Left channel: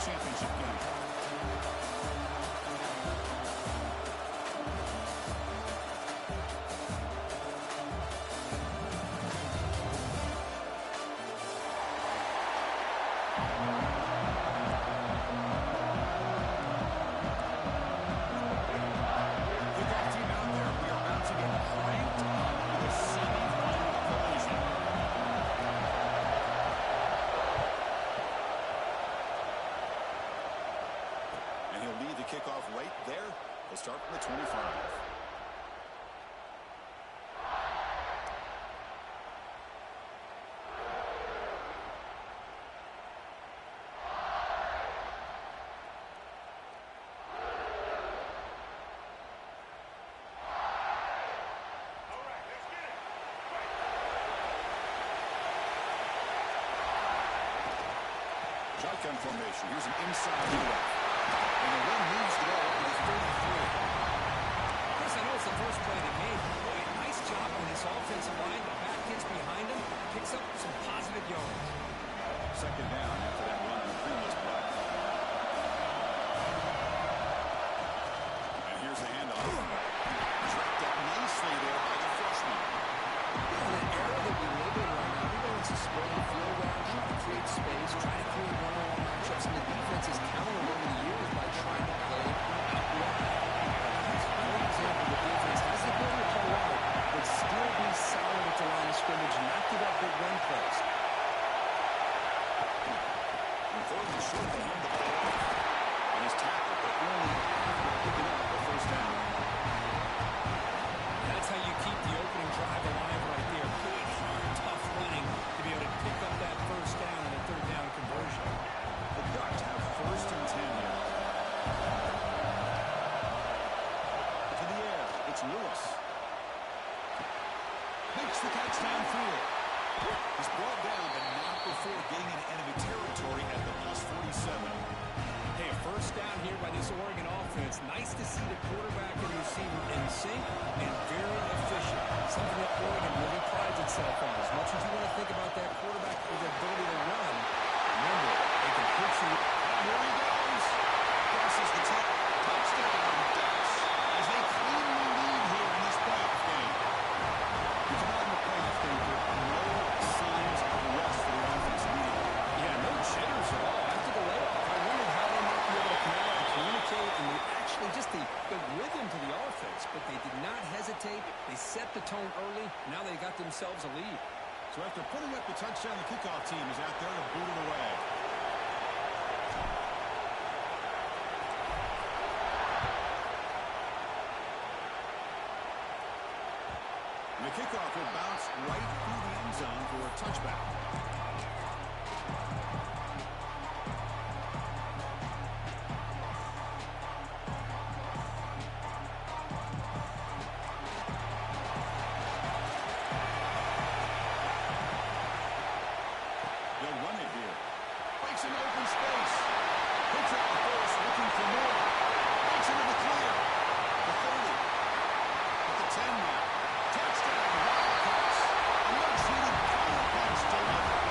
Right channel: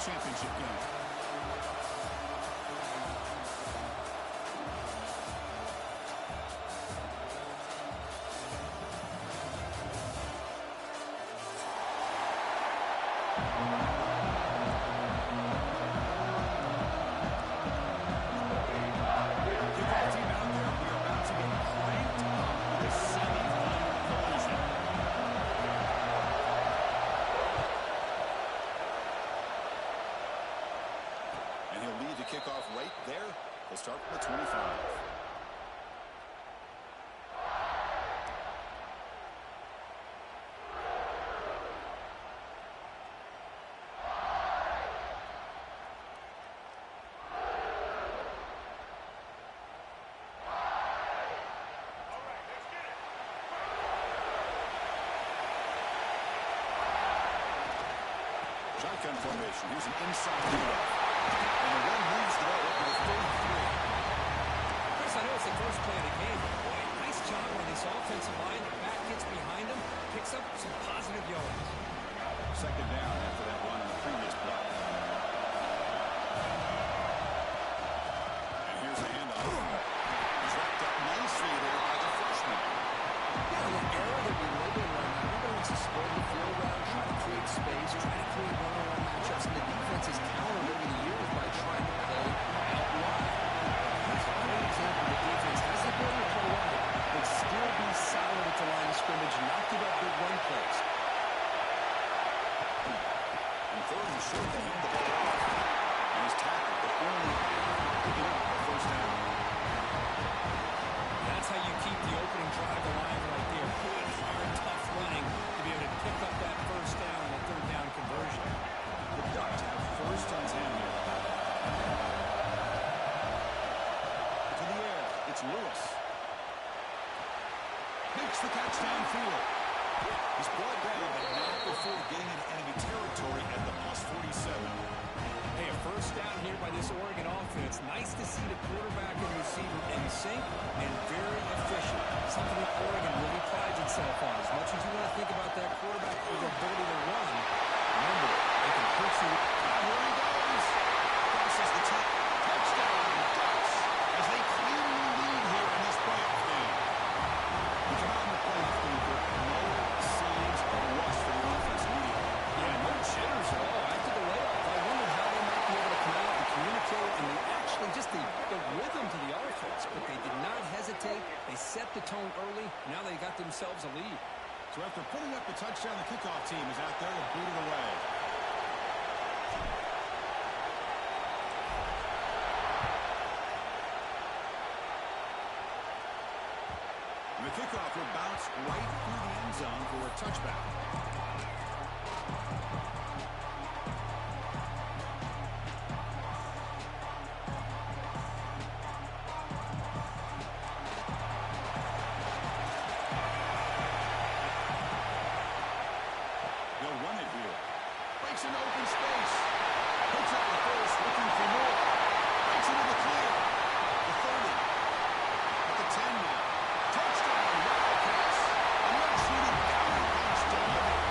championship game. Kickoff team out there. We are about to get cranked up with a semi-final collision. And he'll lead the kickoff right there. He'll start from the 25. Shotgun formation. Here's an inside handoff. And the run moves the ball up to the 33. Chris, I know it's the first play of the game. Boy, nice job on this offensive line. The back gets behind him, picks up some positive yards. Second down after that run on the previous play. And here's the handoff. Trapped up nicely there by the freshman. Yeah, in an era that we live in right now, everybody wants to spread the field around, try to create space, try to create one-on-one matchups, and the defense has countered over the years by trying to play out wide. That's a great example. The defense has the ability to play wide, but still be solid at the line of scrimmage and not give up big run plays. And third and short, they hand the ball off. And he's tackled, but only after picking up a first down. That's how you keep the opening drive alive right there. Good, hard, tough running to be able to pick up that first down and a third down conversion. The Ducks have first and 10 here. To the air, it's Lewis. Makes the catch downfield. He's brought down, but not before getting into enemy territory at the +47. Hey, a first down here by this Oregon offense. Nice to see the quarterback and receiver in sync and very efficient. Something that Oregon really prides itself on. As much as you want to think about that quarterback with the ability to run, remember, they can hurt you. Here he goes. Crosses the 10. Touchdown, Ducks, as they cleanly lead here in this playoff game. You come out in the playoff game for no signs of rust for the offense immediately. Yeah, no jitters at all. After the layoff, I wondered how they might be able to come out and communicate, and they actually just the rhythm to the offense, but they did not hesitate. They set the tone early. Now they got themselves a lead. So after putting up the touchdown, the kickoff team is out there to boot it away. And the kickoff will bounce right through the end zone for a touchback. They'll run it here. Breaks into open space. Picks up the first, looking for more. Breaks into the clear. The 30. At the 10 now. Touchdown, Wildcats. A much-needed counterpunch delivered.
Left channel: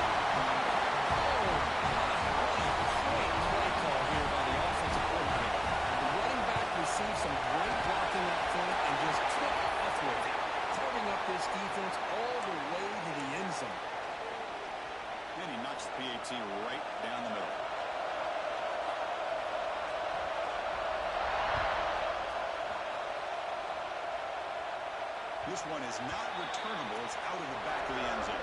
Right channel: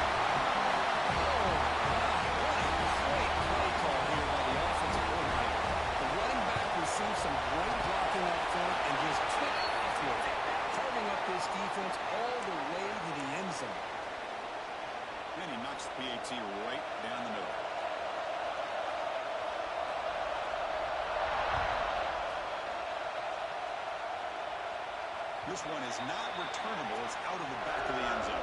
Oh, my. What a great play call here by the offensive coordinator. The running back received some great blocking up front and just took off with it, carving up this defense all the way to the end zone. And he knocks the PAT right down the middle. This one is not returnable. It's out of the back of the end zone.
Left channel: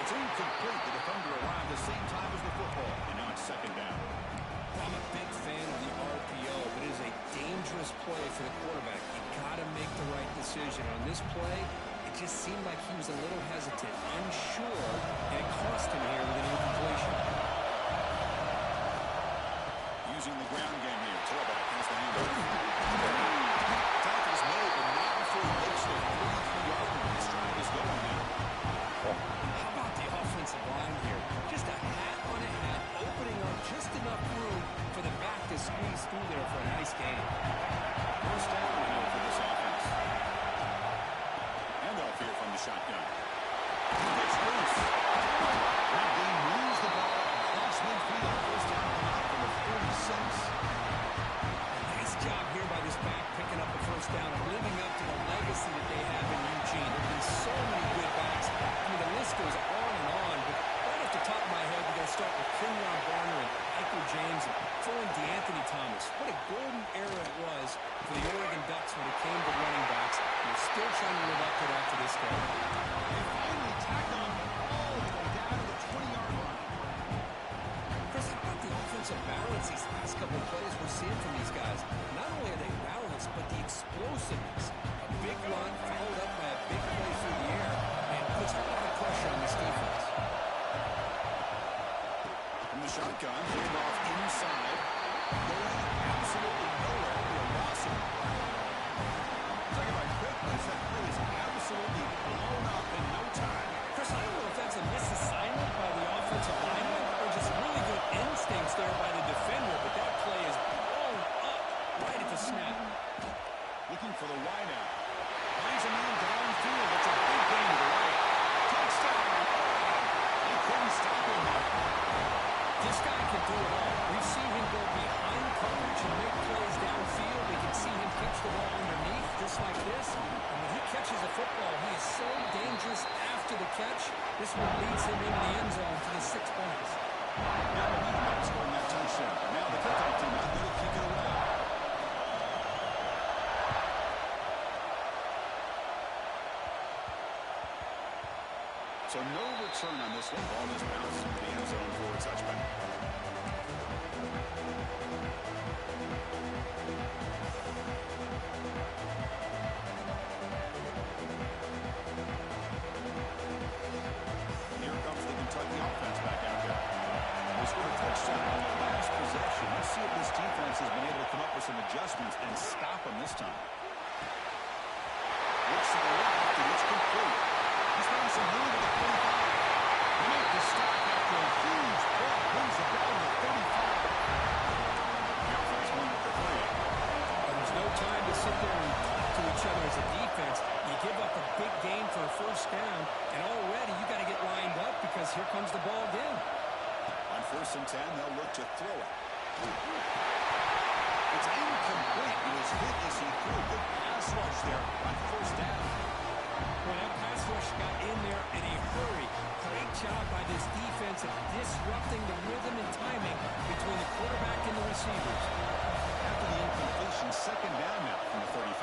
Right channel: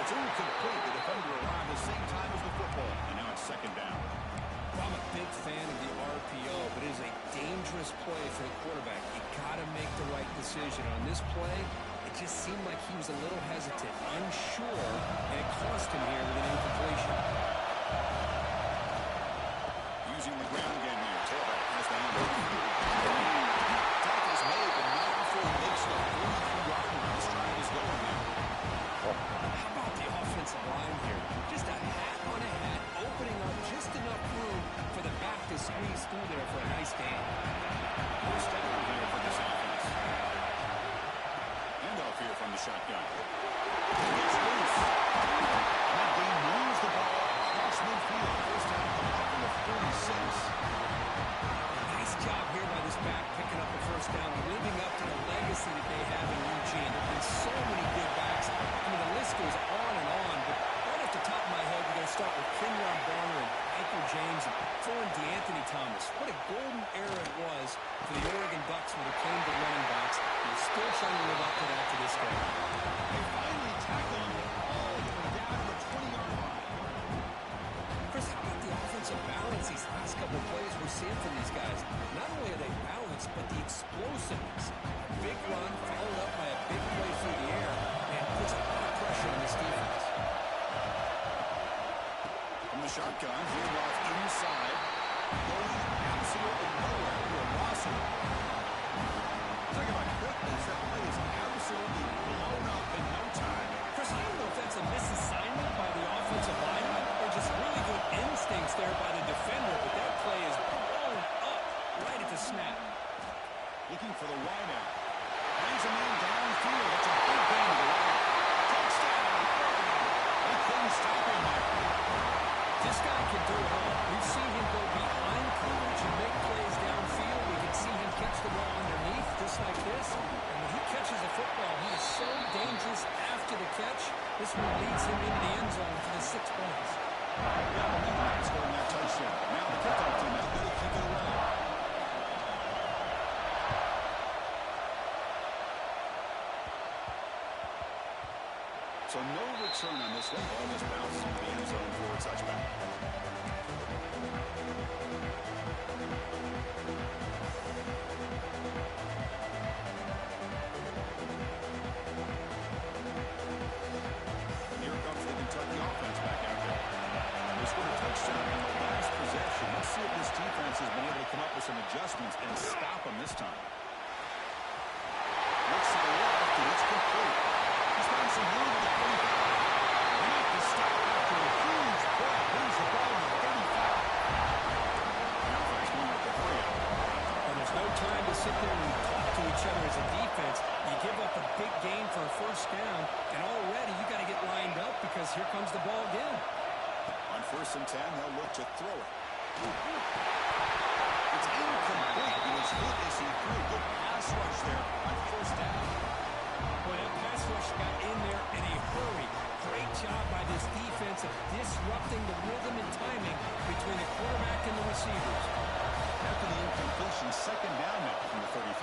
It's incomplete. The defender arrived the same time as the football. And now it's second down. Well, I'm a big fan of the RPO, but it is a dangerous play for the quarterback. You got to make the right decision. On this play, it just seemed like he was a little hesitant, unsure, and it cost him here with an incompletion. Using the ground game here. Tailback has the handoff. Tackle's made, but not before he makes the 43-yard just enough room for the back to squeeze through there for a nice gain. First down here for this offense. Handoff here from the shotgun. He gets loose. That game moves the ball across midfield. First down coming up from the 46. Nice job here by this back picking up the first down and living up to the legacy that they have in Eugene. There have been so many good backs. I mean, the list goes on, but right off the top of my head, we got to start with Kenyon Barner and Michael James and throw in DeAnthony Thomas. What a golden era it was for the Oregon Ducks when it came to running backs. They're still trying to live up to that to this day. They finally tackle him all the way down to the 20-yard line. Chris, how about the offensive balance these last couple of plays we're seeing from these guys? Not only are they balanced, but the explosiveness. A big run followed up by a big play through the air and puts a lot of pressure on this defense. From the shotgun, hand off inside. Going absolutely nowhere. We are lost him. Talk about quickness. That play is absolutely blown up in no time. Chris, I don't know if that's a misassignment by the offensive lineman or just really good instincts there by the defender, but that play is blown up right at the snap. Looking for the wideout. Brings a man downfield. It's a big gain to the right. Touchdown, Oregon. They couldn't stop him there. This guy can do it all. We've seen him go behind coverage and make plays downfield. We can see him catch the ball underneath just like this. And when he catches a football, he is so dangerous after the catch. This one leads him into the end zone for the 6 points. Now the Meathead scoring that touchdown. Now the kickoff team out there to kick it away. So no return on this one. Ball just bounced into the end zone for a touchback. Here comes the Kentucky offense back out there. They scored a touchdown in the last possession. Let's see if this defense has been able to come up with some adjustments and stop them this time. Looks to the left, and it's complete. He's found some room at the 45. They make the stop after a huge play. Brings the ball to the 35. The offense won with the hurry-up. And there's no time to sit there and talk to each other as a defense. You give up a big gain for a first down, and already you got to get lined up because here comes the ball again. On 1st and 10, they'll look to throw it. It's incomplete. He was hit as he threw. Good pass rush there on 1st down. When that pass rush got in there in a hurry, great job by this defense of disrupting the rhythm and timing between the quarterback and the receivers. After the incompletion, 2nd down now from the 35.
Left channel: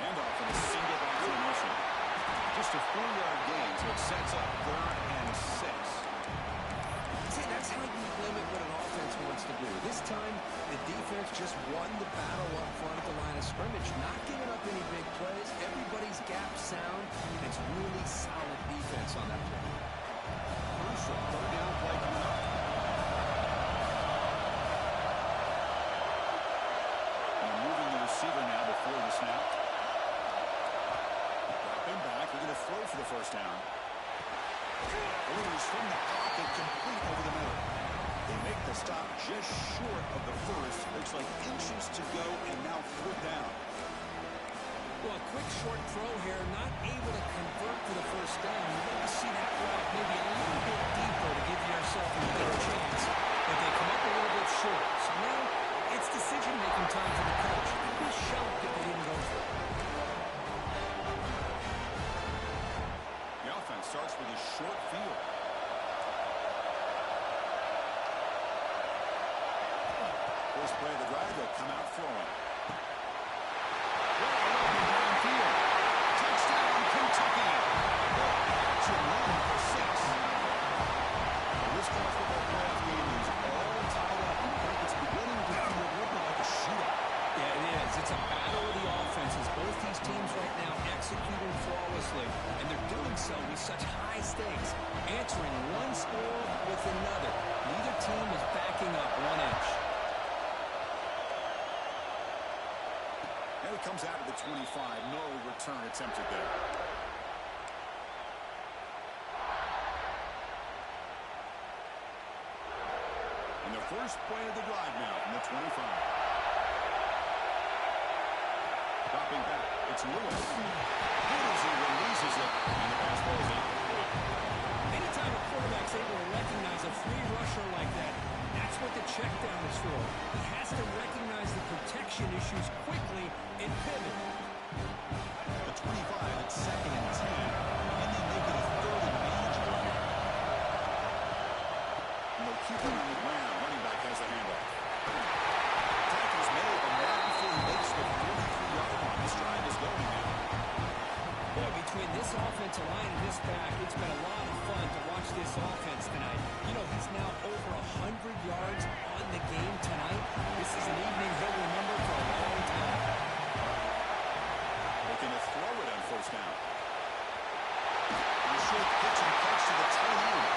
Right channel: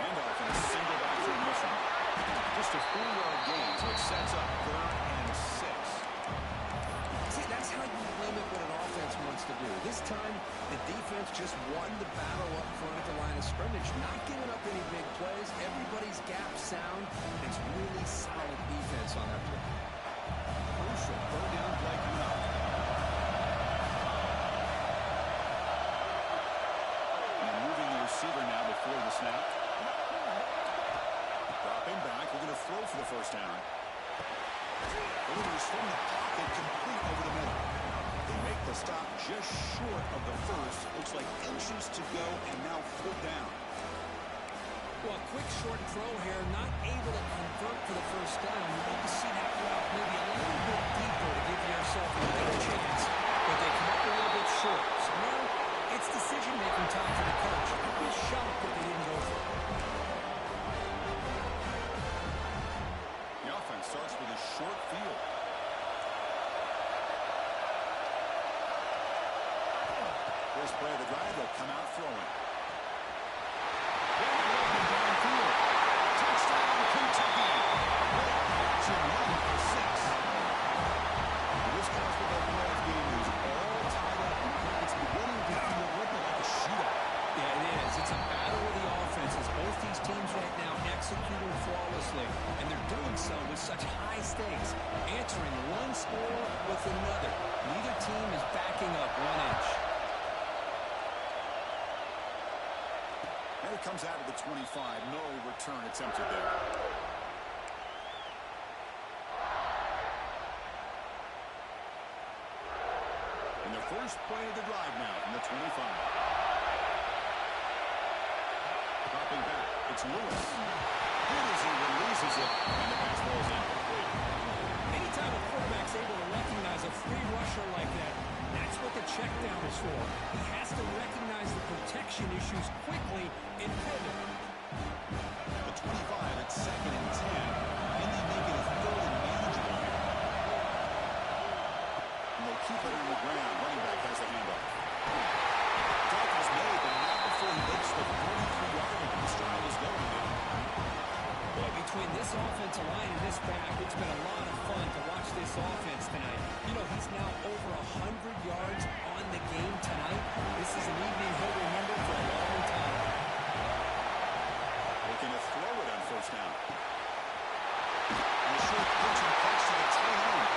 Handoff in a single back formation. Just a 4-yard gain, so it sets up 3rd and 6. See, that's how you limit what an offense wants to do. This time, the defense just won the battle up front at the line of scrimmage, not giving up any big plays. Everybody's gap sound. It's really solid defense on that play. Crucial 3rd down play coming up. And moving the receiver now before the snap. Dropping back. We're going to throw for the 1st down. Delivers from the pocket, complete over the middle. They make the stop just short of the 1st. Looks like inches to go, and now 4th down. Well, a quick short throw here, not able to convert for the 1st down. You'd like to see that route maybe a little bit deeper to give yourself a better chance, but they come up a little bit short. So now it's decision-making time for the coach. I'd be shocked if they didn't go for it. The offense starts with a short field. First play of the drive, they'll come out throwing. Open downfield. Touchdown, Kentucky. Great catch and run for 6. This college football playoff game is all tied up. It's beginning to feel a little bit like a shootout. Yeah, it is. It's a battle of the offenses. Both these teams right now executing flawlessly, and they're doing so with such high stakes, answering one score with another. Neither team is backing up 1 inch. And it comes out of the 25. No return attempted there. And the first play of the drive now from the 25. Dropping back, it's Lewis. Good as he releases it, and the pass ball is incomplete. Anytime a quarterback's able to recognize a free rusher like that, that's what the check down is for. He has to recognize the protection issues quickly and pivot. The 25 at 2nd and 10, and they make it a 3rd and manageable here. And they'll keep it on the ground. Running back has the handoff. Tackle's made, but not before he makes the 43-yard line. This drive is going now. Boy, between this offensive line and this back, it's been a lot of fun to watch this offense tonight. You know, he's now over 100 yards on the game tonight. This is an evening he'll remember for a long time. Looking to throw it on 1st down. And a short pitch and catch to the tight end.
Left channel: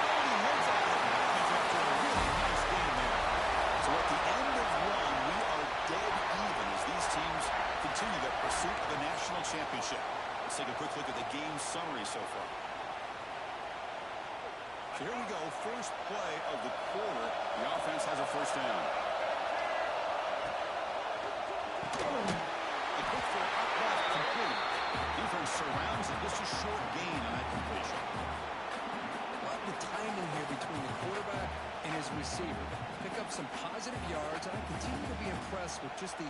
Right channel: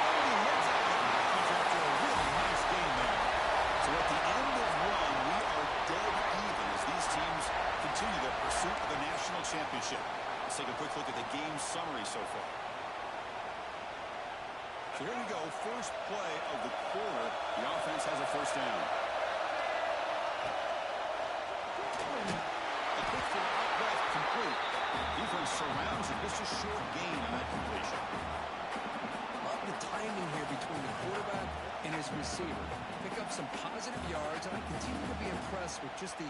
Oh, and he heads out of bounds after a really nice game there. So at the end of one, we are dead even as these teams continue their pursuit of the national championship. Let's take a quick look at the game summary so far. So here we go, first play of the quarter. The offense has a 1st down. A quick throw out left, complete. Defense surrounds it, just a short gain on that completion. Love the timing here between the quarterback and his receiver. Pick up some positive yards, and I continue to be impressed with just the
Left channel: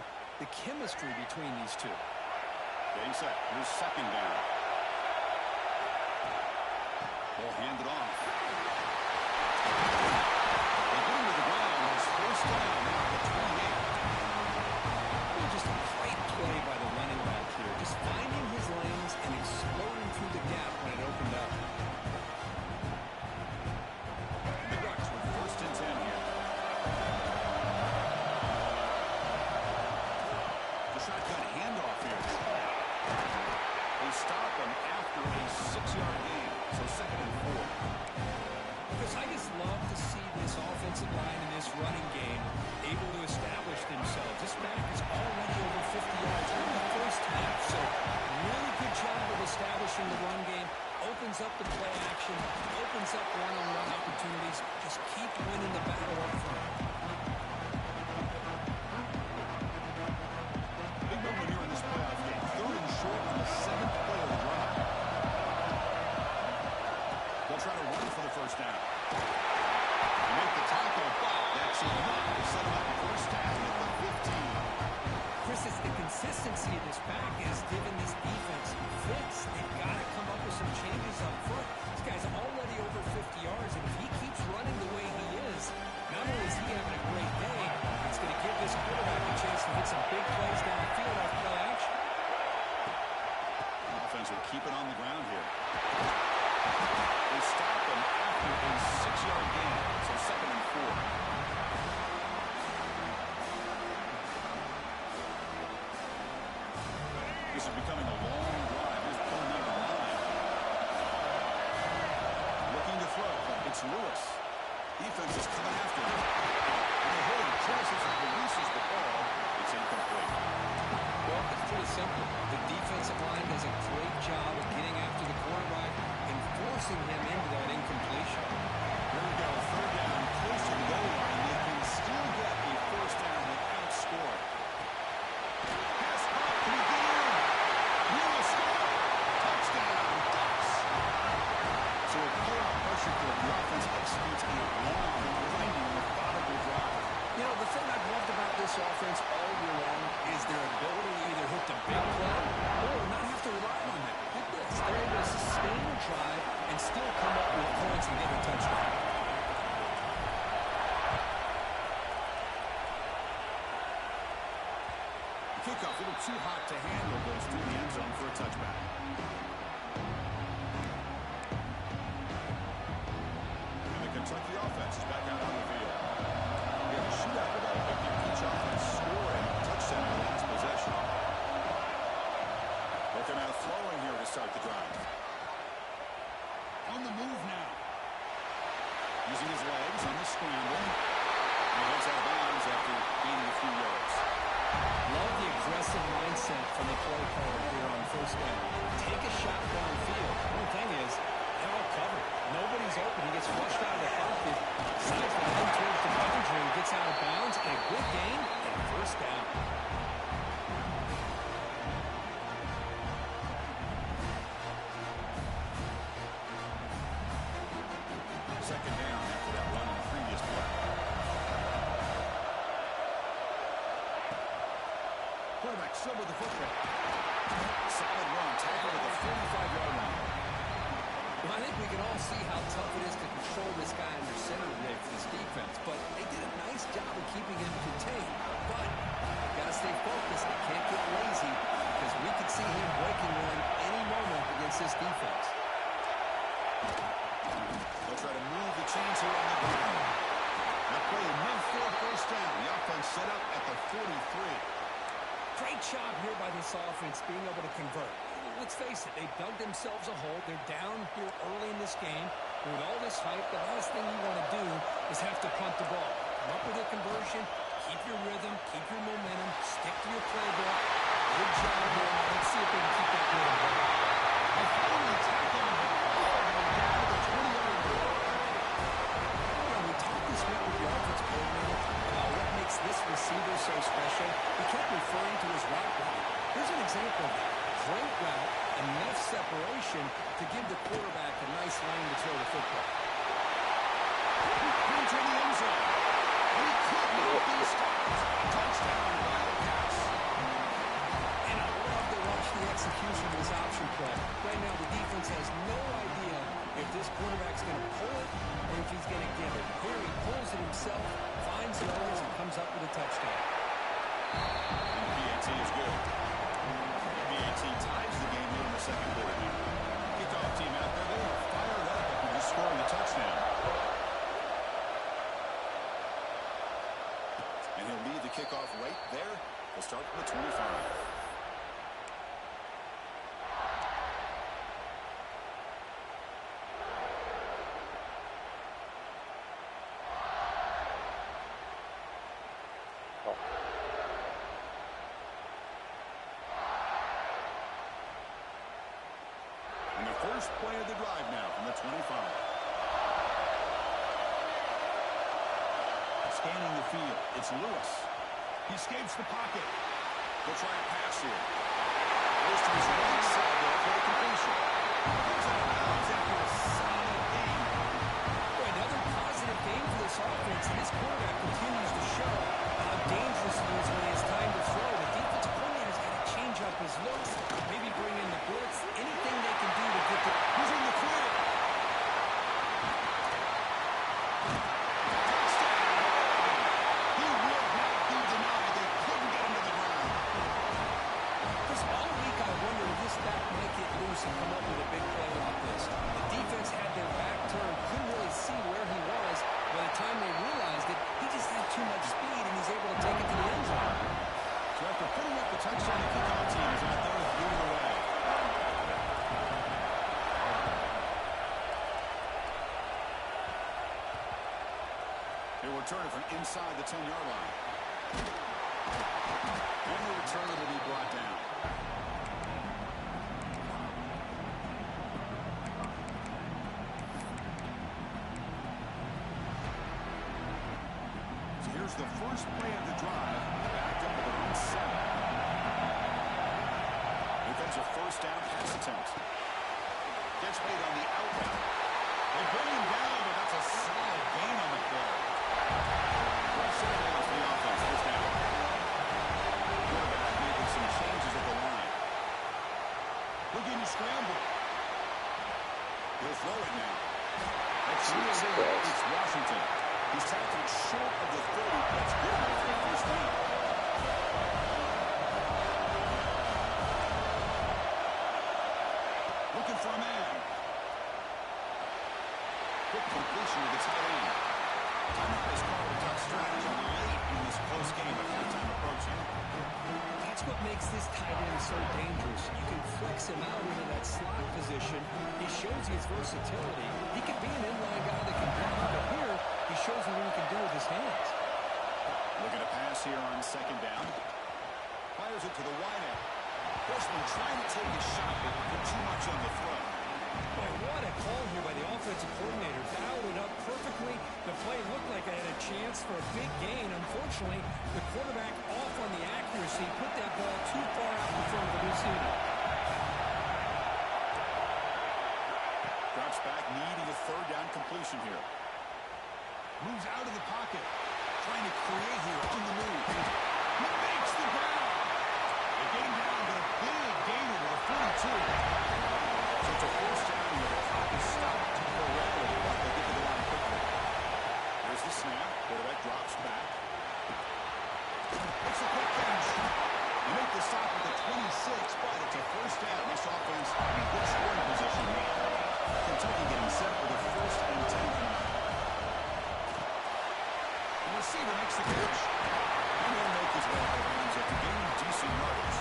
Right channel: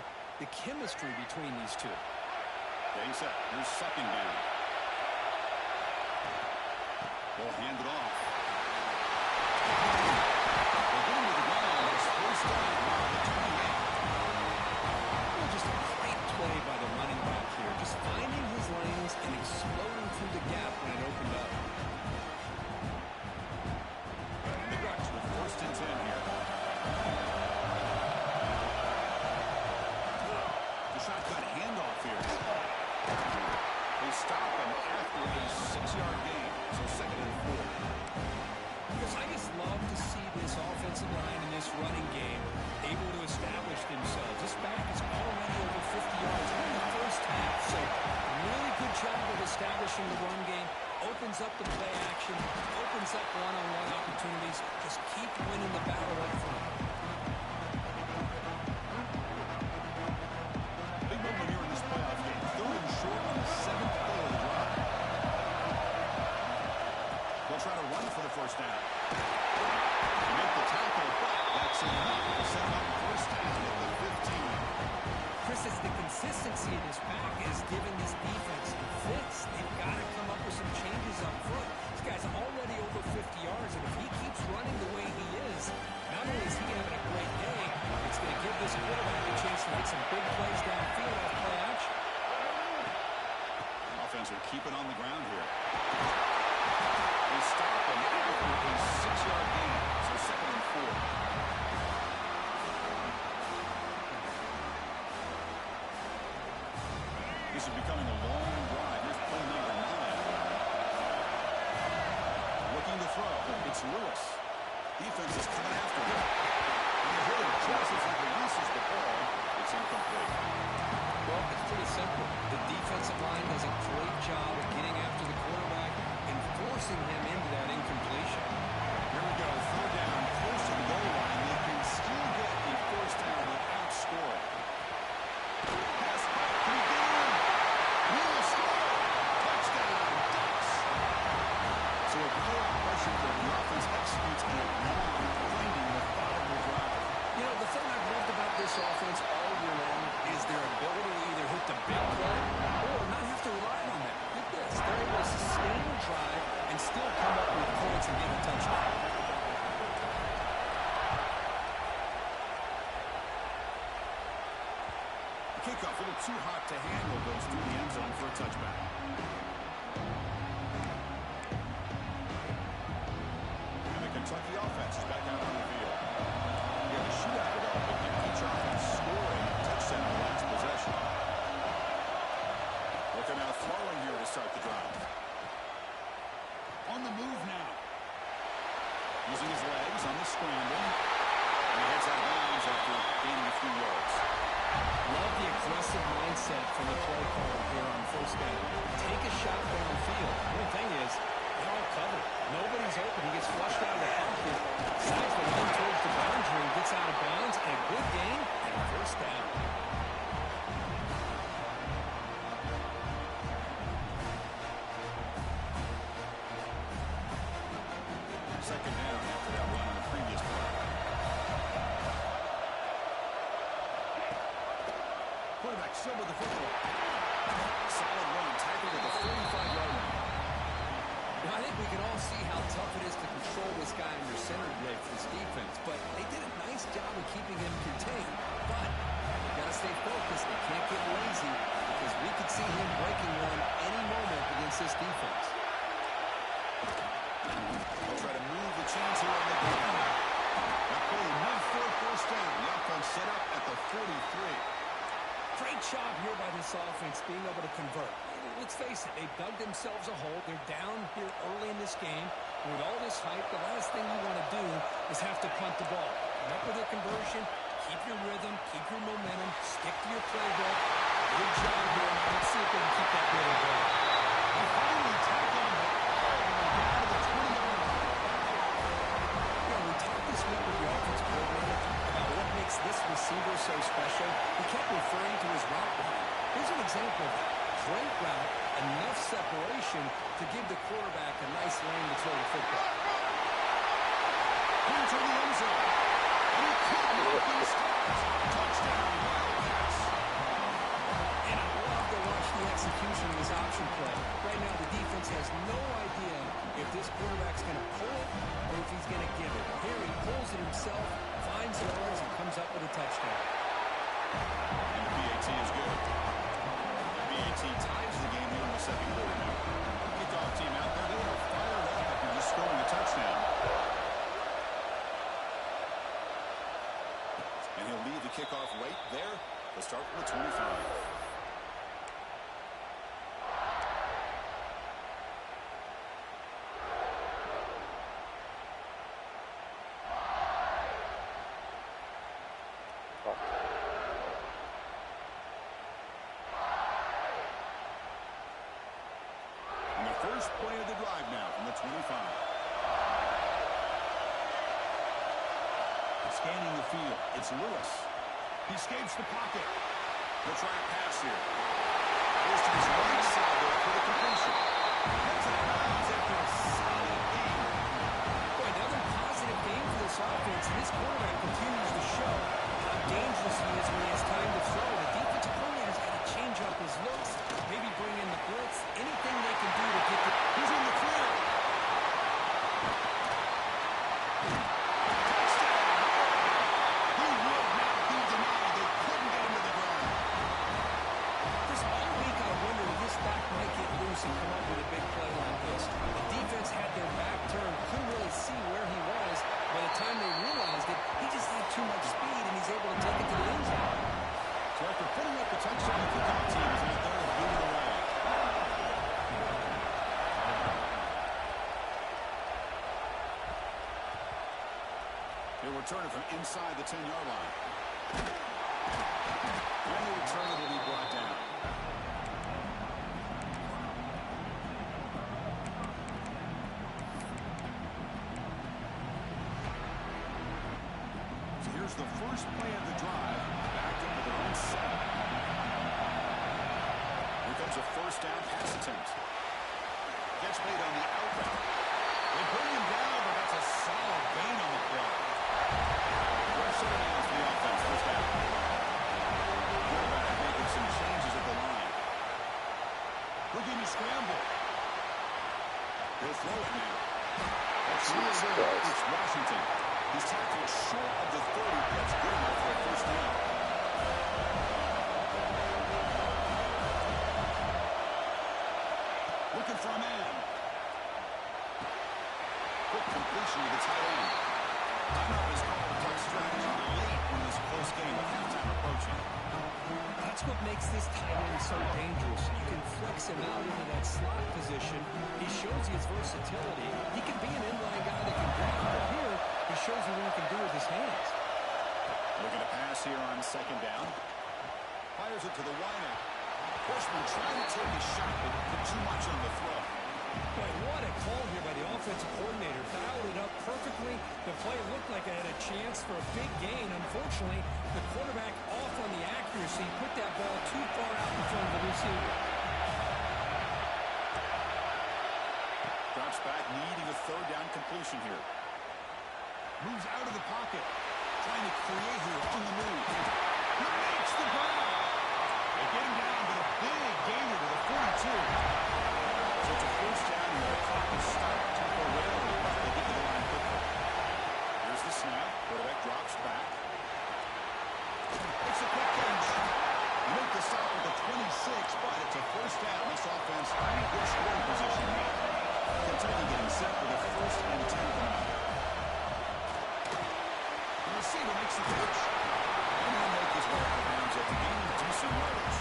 chemistry between these two. Getting set. Here's 2nd down. Ball handed off. They get him to the ground. It's 1st down now at the 28. Well, just a great play by the running back here. Just finding his lanes and exploding through the gap when it opened up. And the Ducks with 1st and 10 here. The shotgun handoff here. They stop him after a 6-yard gain. So 2nd and 4. Because I just love to see this offensive line and this running game able to establish themselves. This back is already over 50 yards in the 1st half. So really good job of establishing the run game. Opens up the play action. Opens up one-on-one opportunities. Just keep winning the battle up front. Big moment here in this playoff game. 3rd and short on the 7th play of the drive. They'll try to run for the 1st down. They make the tackle, but that's enough to set them up 1st down at the 15. Chris, it's the consistency of this back is giving this defense fits. They've got to come up with some changes up front. This guy's already over 50 yards, and if he keeps running the way he is, not only is he having a great day, it's going to give this quarterback a chance to hit some big plays downfield off play action. The offense will keep it on the ground here. They stop him after a 6-yard gain, so 2nd and 4. This is becoming a long drive. Here's play number 9. Looking to throw. It's Lewis. Defense is coming after him. And they hit him just as he releases the ball. It's incomplete. Well, it's pretty simple. The defensive line does a great job of getting after the quarterback and forcing him into that incompletion. Here we go. 3rd down, close to the goal line. They can still get a 1st down without scoring. Pass caught. Can he get in? Will score. Touchdown, Ducks. So a playoff pressure for the offense executes a long, winding, methodical drive. You know, the thing I've loved about this offense all year long is their ability to either hit the big play or not have to rely on that. Get this. They're able to sustain a drive and still come up with points and get a touchdown. The kickoff a little too hot to handle, goes through the end zone for a touchback. And the Kentucky offense is back out on the field. We have a shootout developing here. Each offense scoring a touchdown in the last possession. Looking out throwing here to start the drive. On the move now. Using his legs on the scramble. And he heads out of bounds after gaining a few yards. Love the aggressive mindset from the play caller here on 1st down. Take a shot downfield. The only thing is, They're all covered. Nobody's open. He gets flushed out of the pocket, decides to run towards the boundary, and gets out of bounds, and a good gain and a first down. Second down after that run on the previous play. Quarterback still with the football. Solid run, tackled at the 45-yard line. Well, I think we can all see how tough it is to control this guy under center today for this defense, but they did a nice job of keeping him contained. But they've got to stay focused. They can't get lazy because we could see him breaking one any moment against this defense. They'll try to move the chains here on the ground. That play enough for a first down. The offense set up at the 43. Great job here by this offense being able to convert. Let's face it, they've dug themselves a hole. They're down here early in this game. And with all this hype, the last thing you want to do is have to punt the ball. Come up with a conversion, keep your rhythm, keep your momentum, stick to your playbook. Good job here. Let's see if they can keep that rhythm going. They finally tackle him all the way down to the 20-yard line. You know, we talked this week with the offensive coordinator about what makes this receiver so special. He kept referring to his route running. Here's an example of that. Great route, enough separation to give the quarterback a nice lane to throw the football. Into the end zone. And he could not be stopped. Touchdown, Wildcats. And I love to watch the execution of this option play. Right now, the defense has no idea if this quarterback's going to pull it or if he's going to give it. Here he pulls it himself, finds yards, and comes up with a touchdown. And the PAT is good. The PAT ties the game here in the second quarter now. Kickoff team out there, they are fired up after just scoring a touchdown. And he'll lead the kickoff right there. They'll start from the 25. And the first play of the drive now from the 25. Scanning the field, it's Lewis. He escapes the pocket. They'll try a pass here. Goes to his right side there for the completion. Gets out of bounds after a solid gain. Boy, another positive game for this offense, and this quarterback continues to show how dangerous he is when he has time to throw. The defensive coordinator's got to change up his looks, maybe bring in the blitz, anything they can do to get the... He's in the clear. Touchdown, Oregon. He would not be denied. They couldn't get him to the ground. Chris, all week I wondered if this back might get loose and come up with a big play like this. The defense had their back turned, couldn't really see where he was. By the time they realized it, he just had too much speed, and he's able to take it to the end zone. So after putting up the touchdown, the kickoff team is out there to boot it away. They'll return it from inside the 10-yard line. And the return will be brought down. So here's the first play of the drive, backed up to their own 7. Here comes a first down pass attempt. Gets made on the out route. They bring him down, but that's a solid gain on the play. Rush set it down for the offense. First down. Quarterback making some changes at the line. Looking to scramble. He'll throw it now. That's real good. It's Washington. He's tackled short of the 30, but that's good enough for a first down. Looking for a man. Quick completion to the tight end. Timeout is called to talk strategy late in this close game with halftime approaching. That's what makes this tight end so dangerous. You can flex him out into that slot position. He shows his versatility. He can be an inline guy that can block, but here he shows you what he can do with his hands. Looking to pass here on second down. Fires it to the wideout. Freshman trying to take a shot, but put too much on the throw. Boy, what a call here by the offensive coordinator. Dialed it up perfectly. The play looked like it had a chance for a big gain. Unfortunately, the quarterback off on the accuracy, put that ball too far out in front of the receiver. Drops back, needing a third down completion here. Moves out of the pocket. Trying to create here on the move. He makes the grab. They get him down, but a big gainer to the 42. So it's a first down here. The clock is stopped temporarily, but they get to the line quickly. Here's the snap. Quarterback drops back. It's a quick catch. You make the stop at the 26, but it's a first down. This offense in good scoring position now. Kentucky getting set for the 1st and 10 coming up. The receiver makes the catch. And he'll make his way out of bounds at the gain of decent yardage.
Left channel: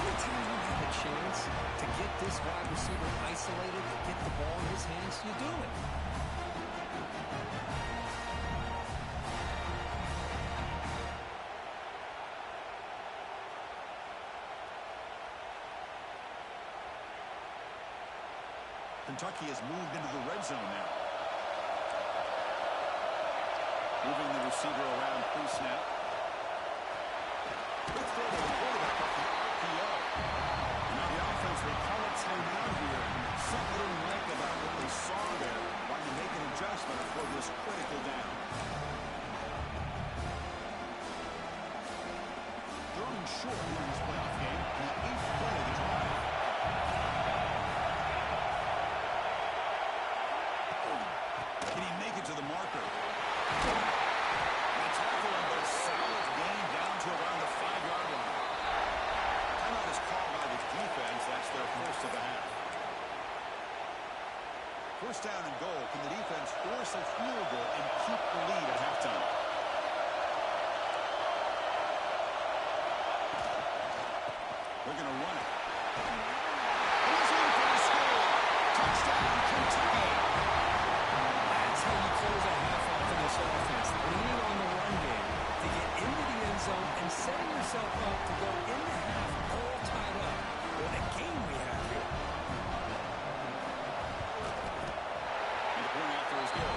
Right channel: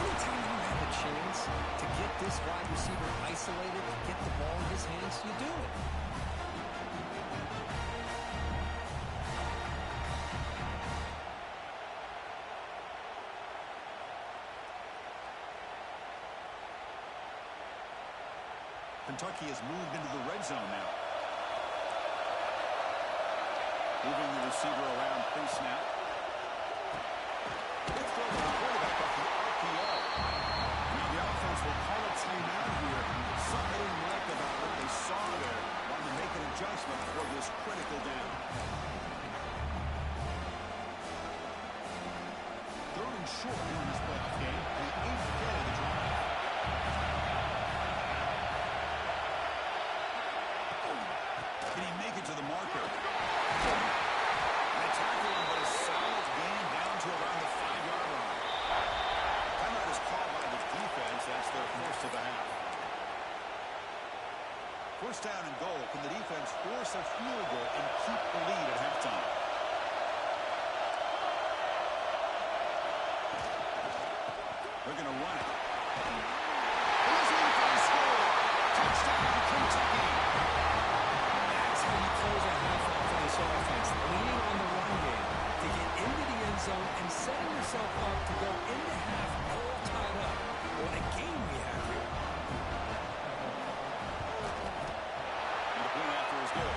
Anytime you have a chance to get this wide receiver isolated, get the ball in his hands, you do it. Kentucky has moved into the red zone now. Moving the receiver around pre-snap. Good throw to the quarterback off the RPO. Now the offense will call a timeout here. Something they didn't like about what they saw there. Wanting to make an adjustment for this critical down. 3rd and short here in this playoff game. The 8th play of the drive. Can he make it to the marker? And they tackle him, but a solid gain down to around the 5-yard line. Timeout is called by the defense. That's their first of the half. First down and goal. Can the defense force a field goal and keep the lead at halftime? They're going to run it. Listening for the score. Touchdown, Kentucky. That's how you close a half off of this offense, leaning on the run game to get into the end zone and setting yourself up to go into half all tied up. What a game we have here. And the point after is good.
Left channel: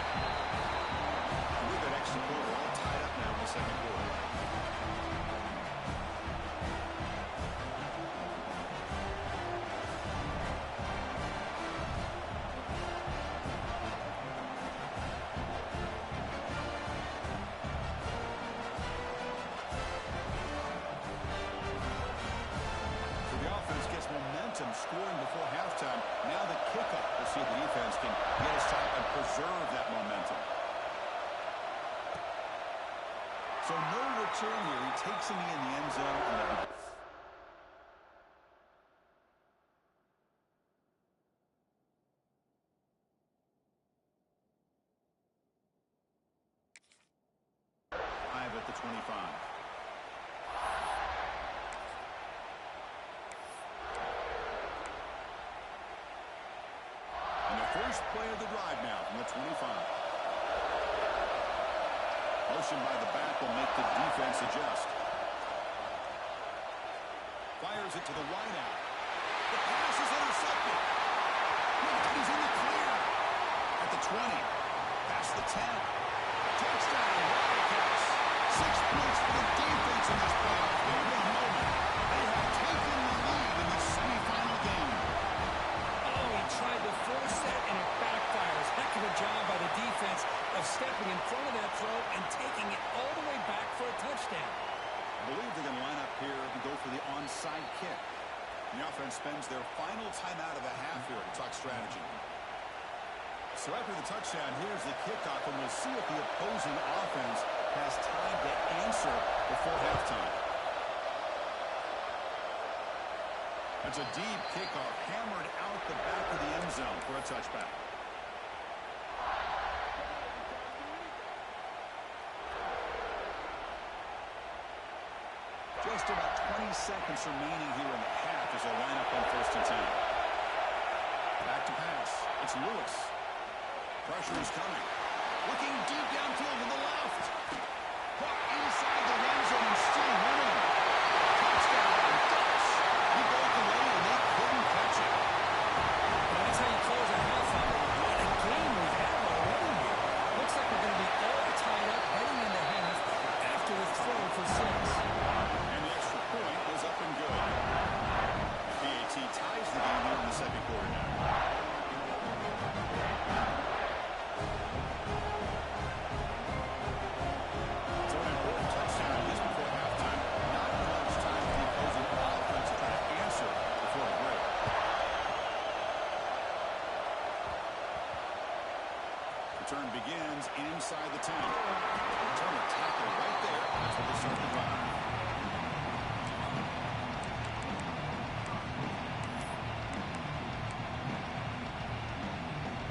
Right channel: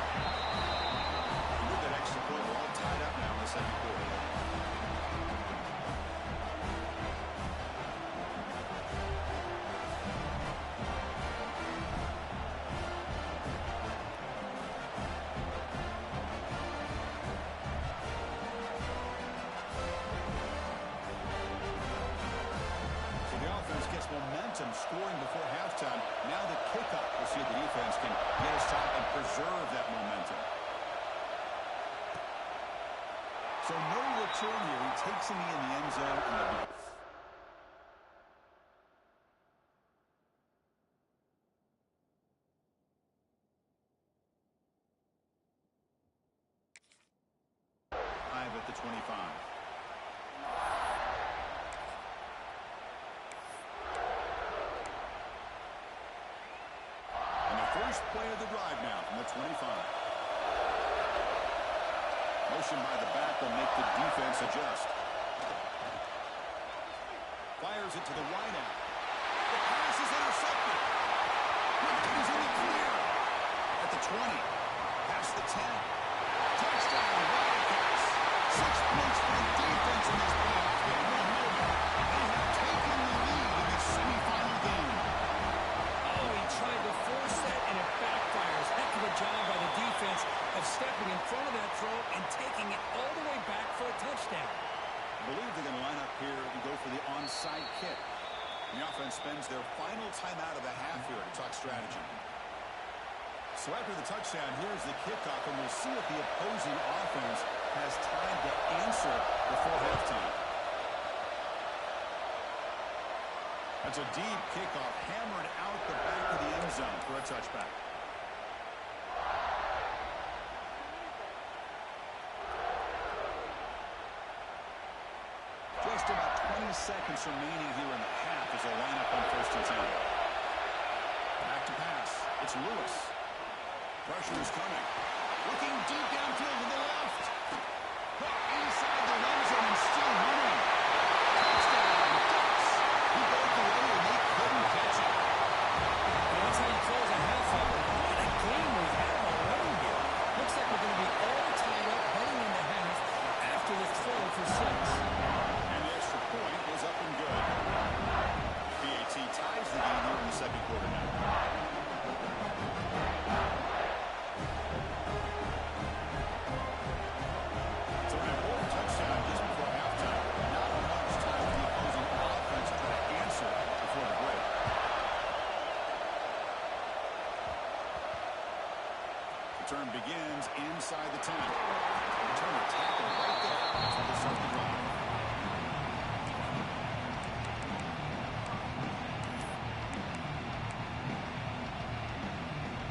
And with that extra point, we're all tied up now in the second quarter. Momentum scoring before halftime. Now the kickoff. We'll see if the defense can get a stop and preserve that momentum. So no return here. He takes him in the end zone. And at the 25. And the first play of the drive now from the 25. Motion by the back will make the defense adjust. Fires it to the wideout. The pass is intercepted. Look out, he's in the clear. At the 20. Past the 10. Touchdown, Wildcats. 6 points for the defense in this playoff game. What a moment. They have taken the lead in this semifinal game. Oh, he tried to force that, and it backfires. Heck of a job by the defense of stepping in front of that throw and taking it all the way back for a touchdown. I believe they're going to line up here and go for the onside kick. The offense spends their final timeout of the half here to talk strategy. So after the touchdown, here's the kickoff, and we'll see if the opposing offense has time to answer before halftime. That's a deep kickoff, hammered out the back of the end zone for a touchback. Just about 20 seconds remaining here in the half as they line up on 1st and 10. Back to pass. It's Lewis. Pressure is coming. Looking deep downfield to the left. Caught inside the red zone and still running. Touchdown, Ducks. He broke away and they couldn't catch it. Well, that's how he ties the game here in the second quarter now. So an important touchdown just before halftime. Not much time for the opposing offense to try to answer before the break. Return begins inside the 10. Turner tackled right there. That's where they start the drive.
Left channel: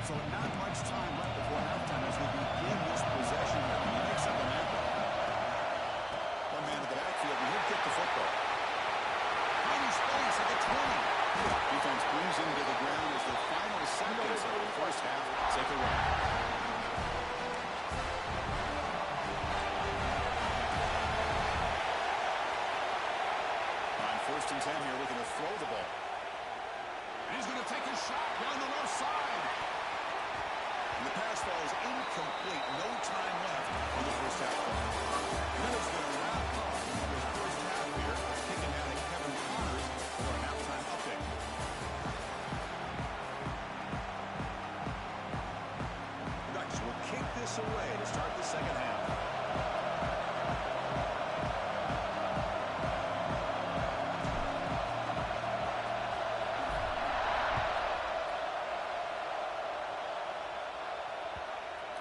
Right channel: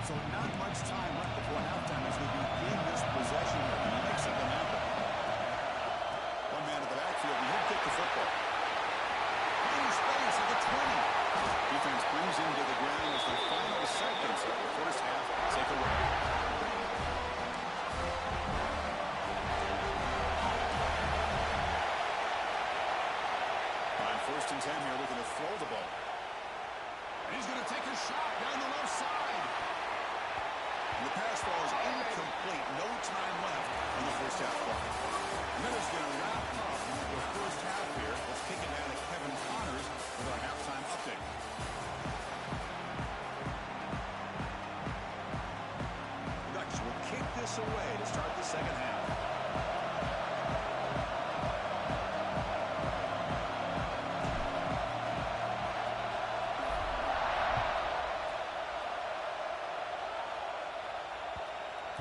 So not much time left before halftime as they begin this possession here. Can you make something happen? One man at the backfield, and he'll kick the football. Finding space at the 20. Defense brings him to the ground as the final seconds of the first half take away. On 1st and 10 here, looking to throw the ball. And he's going to take a shot down the left side. And the pass falls incomplete. No time left on the first half clock. And that is going to wrap up the first half here. Let's kick it down to Kevin Connors with our halftime update. Ducks will kick this away to start the second half.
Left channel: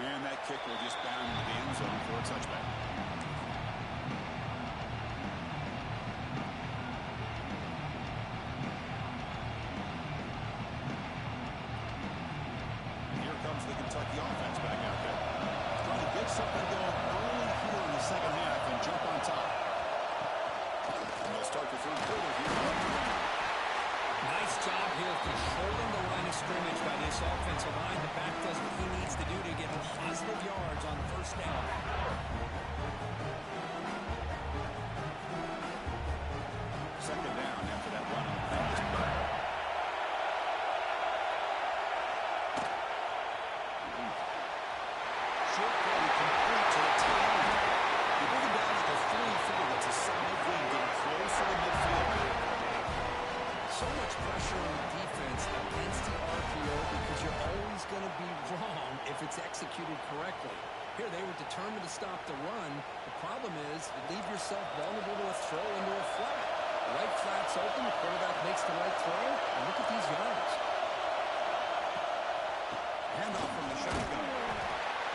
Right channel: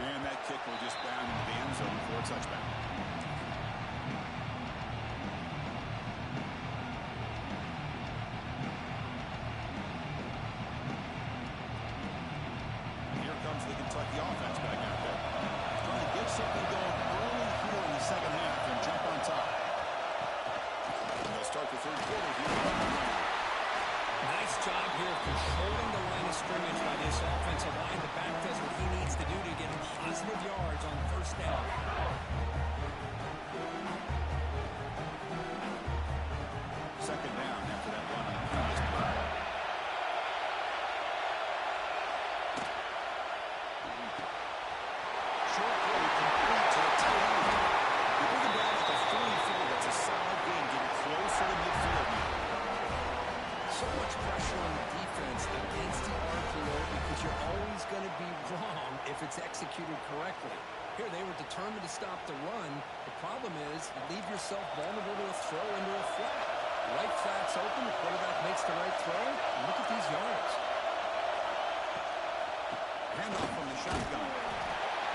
And that kick will just bound into the end zone for a touchback. Here comes the Kentucky offense back out there. Trying to get something going early here in the second half and jump on top. And they'll start the third quarter here on the ground. Nice job here of controlling the line of scrimmage by this offensive line. The back does what he needs to do to get positive yards on first down. Second down after that run on the previous play. Short play complete to the tight end. You bring him down at the 44. That's a solid gain, getting closer to midfield now. So much pressure on the defense against the RPO because you're always going to be wrong if it's executed correctly. Here, they were determined to stop the run. The problem is you leave yourself vulnerable to a throw into a flat. The right flat's open, the quarterback makes the right throw, and look at these yards. Handoff from the shotgun.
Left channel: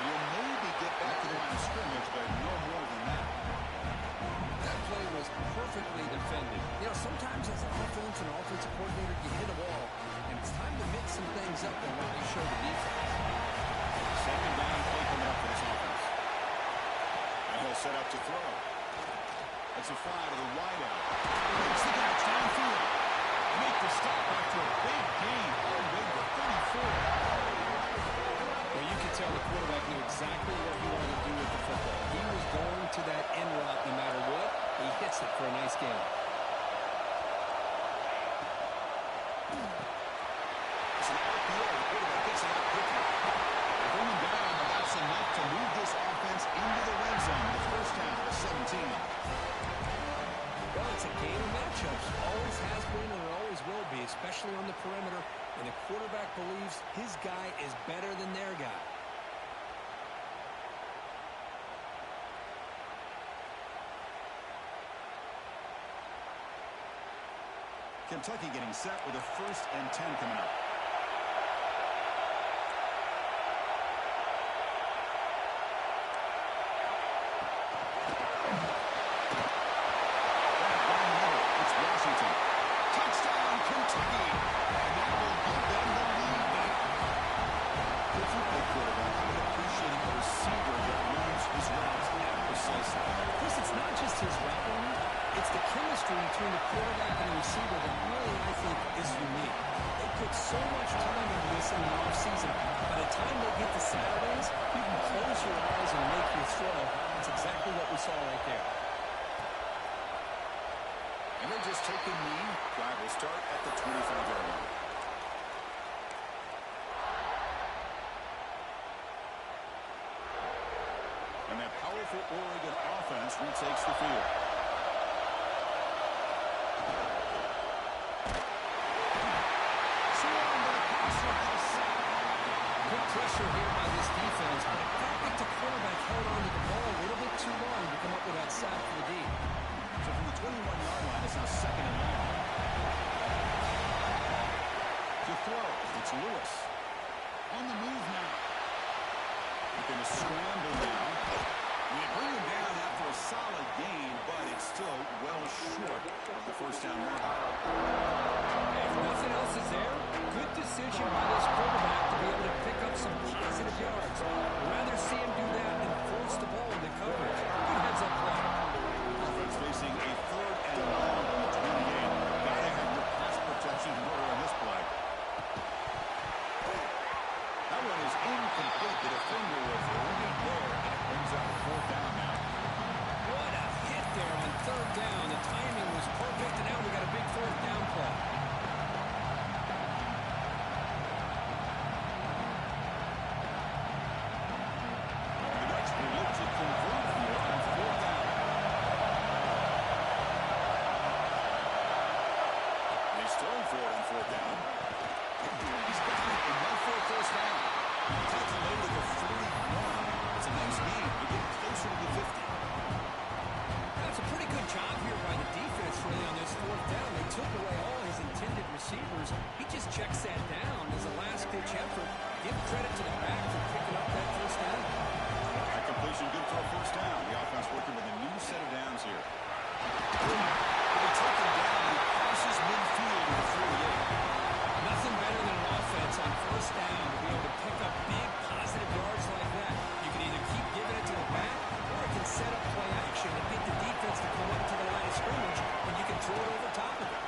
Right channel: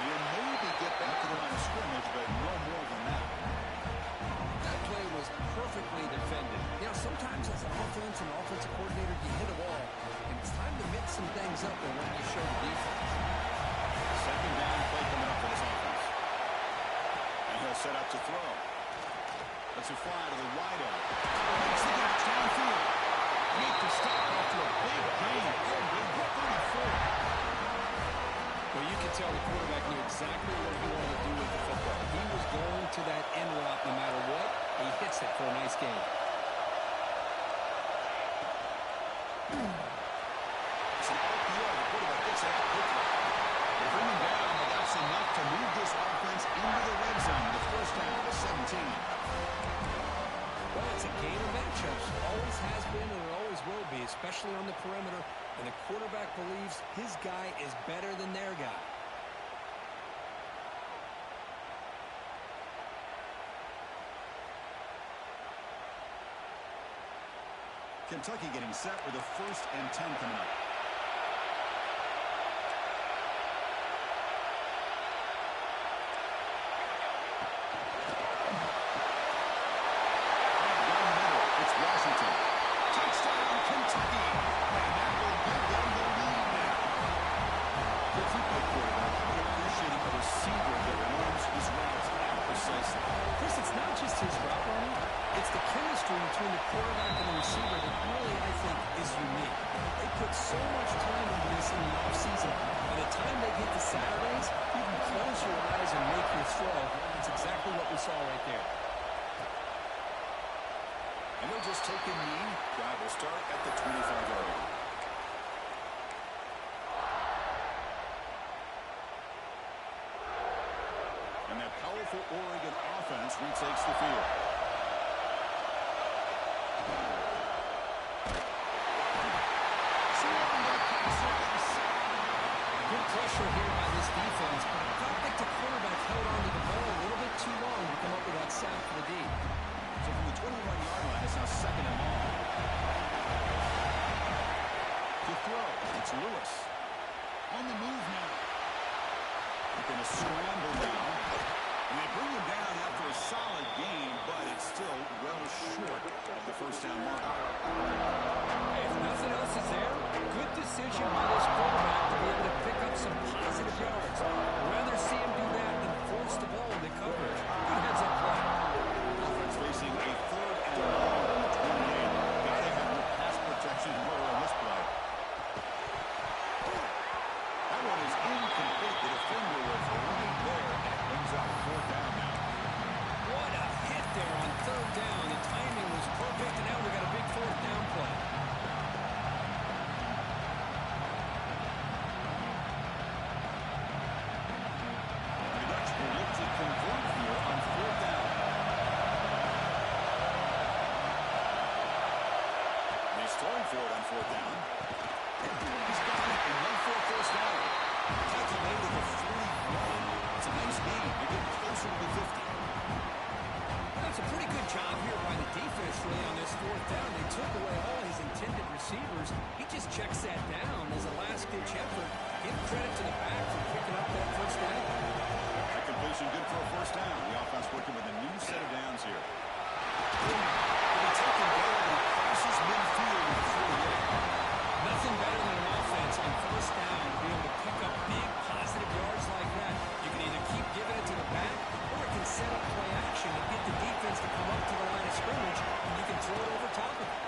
You maybe get back to the line of scrimmage, but no more than that. That play was perfectly defended. You know, sometimes as an offensive coordinator, you hit a wall, and it's time to mix some things up than what you show the defense. Second down play coming up for this offense. And he'll set up to throw. That's a fly to the wideout. Makes the catch downfield. Make the stop after a big gain all the way to 34. Well, you could tell the quarterback knew exactly what he wanted to do with the football. He was going to that end route no matter what. He hits it for a nice gain. It's an RPO. The quarterback gets it out quickly. They bring him down, but that's enough to move this offense into the red zone. The first half of 17. Well, it's a game of matchups. Always has been and it always will be, especially on the perimeter. And the quarterback believes his guy is better than their guy. Kentucky getting set with a 1st and 10 coming up. Washington. Touchdown, Kentucky. And that will give them the lead now. Good football quarterback. How about appreciating a receiver that runs his routes that precisely? Chris, it's not just his route running. It's the chemistry between the quarterback and the receiver that really, I think, is unique. They put so much time into this in the offseason. By the time they get to Saturdays, you can close your eyes and make your throw. That's exactly what we saw right there. And they'll just take a knee. Drive will start at the 25-yard line. And that powerful Oregon offense retakes the field. Good pressure here by this defense, but it felt like the quarterback held onto the ball a little bit too long to come up with that sack for the D. So from the 21-yard line, it's now 2nd and long. To throw, it's Lewis. On the move now. They're going to scramble now. And they bring him down after a solid gain, but it's still well short of the first down mark. Hey, if nothing else is there, good decision by this quarterback to be able to pick up some positive yards. I'd rather see him do that than force the ball into coverage. Good heads-up play. Offense facing a 3rd and long on the 28. Got to have your pass protection in order on this play. That one is incomplete. The defender was right there, and it brings out 4th down now. What a hit there on 3rd down. The timing was perfect, and now we got a big 4th down play. The Ducks will look to convert here on 4th down. And he's throwing for it on 4th down. He's got it and run for a 1st down. Tackle made at the 41. It's a nice gain. They're getting closer to the 50. That's a pretty good job here by the defense, really, on this 4th down. They took away all his intended receivers. He just checks that down as a last-ditch effort. Give credit to the back for picking up that 1st down. That completion good for a 1st down. The offense working with a new set of downs here. He'll be taken down, but he crosses midfield to the 48. Nothing better than an offense on 1st down to be able to pick up big positive yards like that. You can either keep giving it to the back, or it can set up play action and get the defense to come up to the line of scrimmage, and you can throw it over top of it.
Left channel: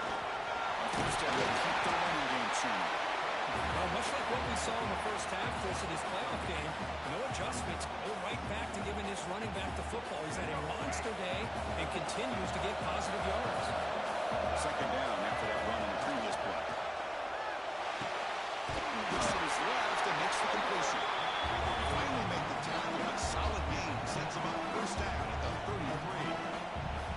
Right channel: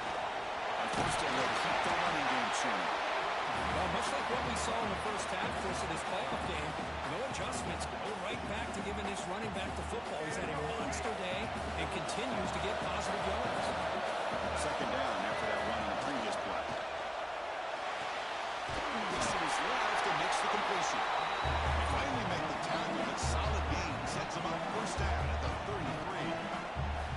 On 1st down, they'll keep the running game churning. Well, much like what we saw in the first half, Chris, of this playoff game, no adjustments, go right back to giving this running back the football. He's had a monster day and continues to get positive yards. 2nd down after that run on the previous play. Looks to his left and makes the completion. They finally make the tackle, but solid gain sets him up 1st down at the 33.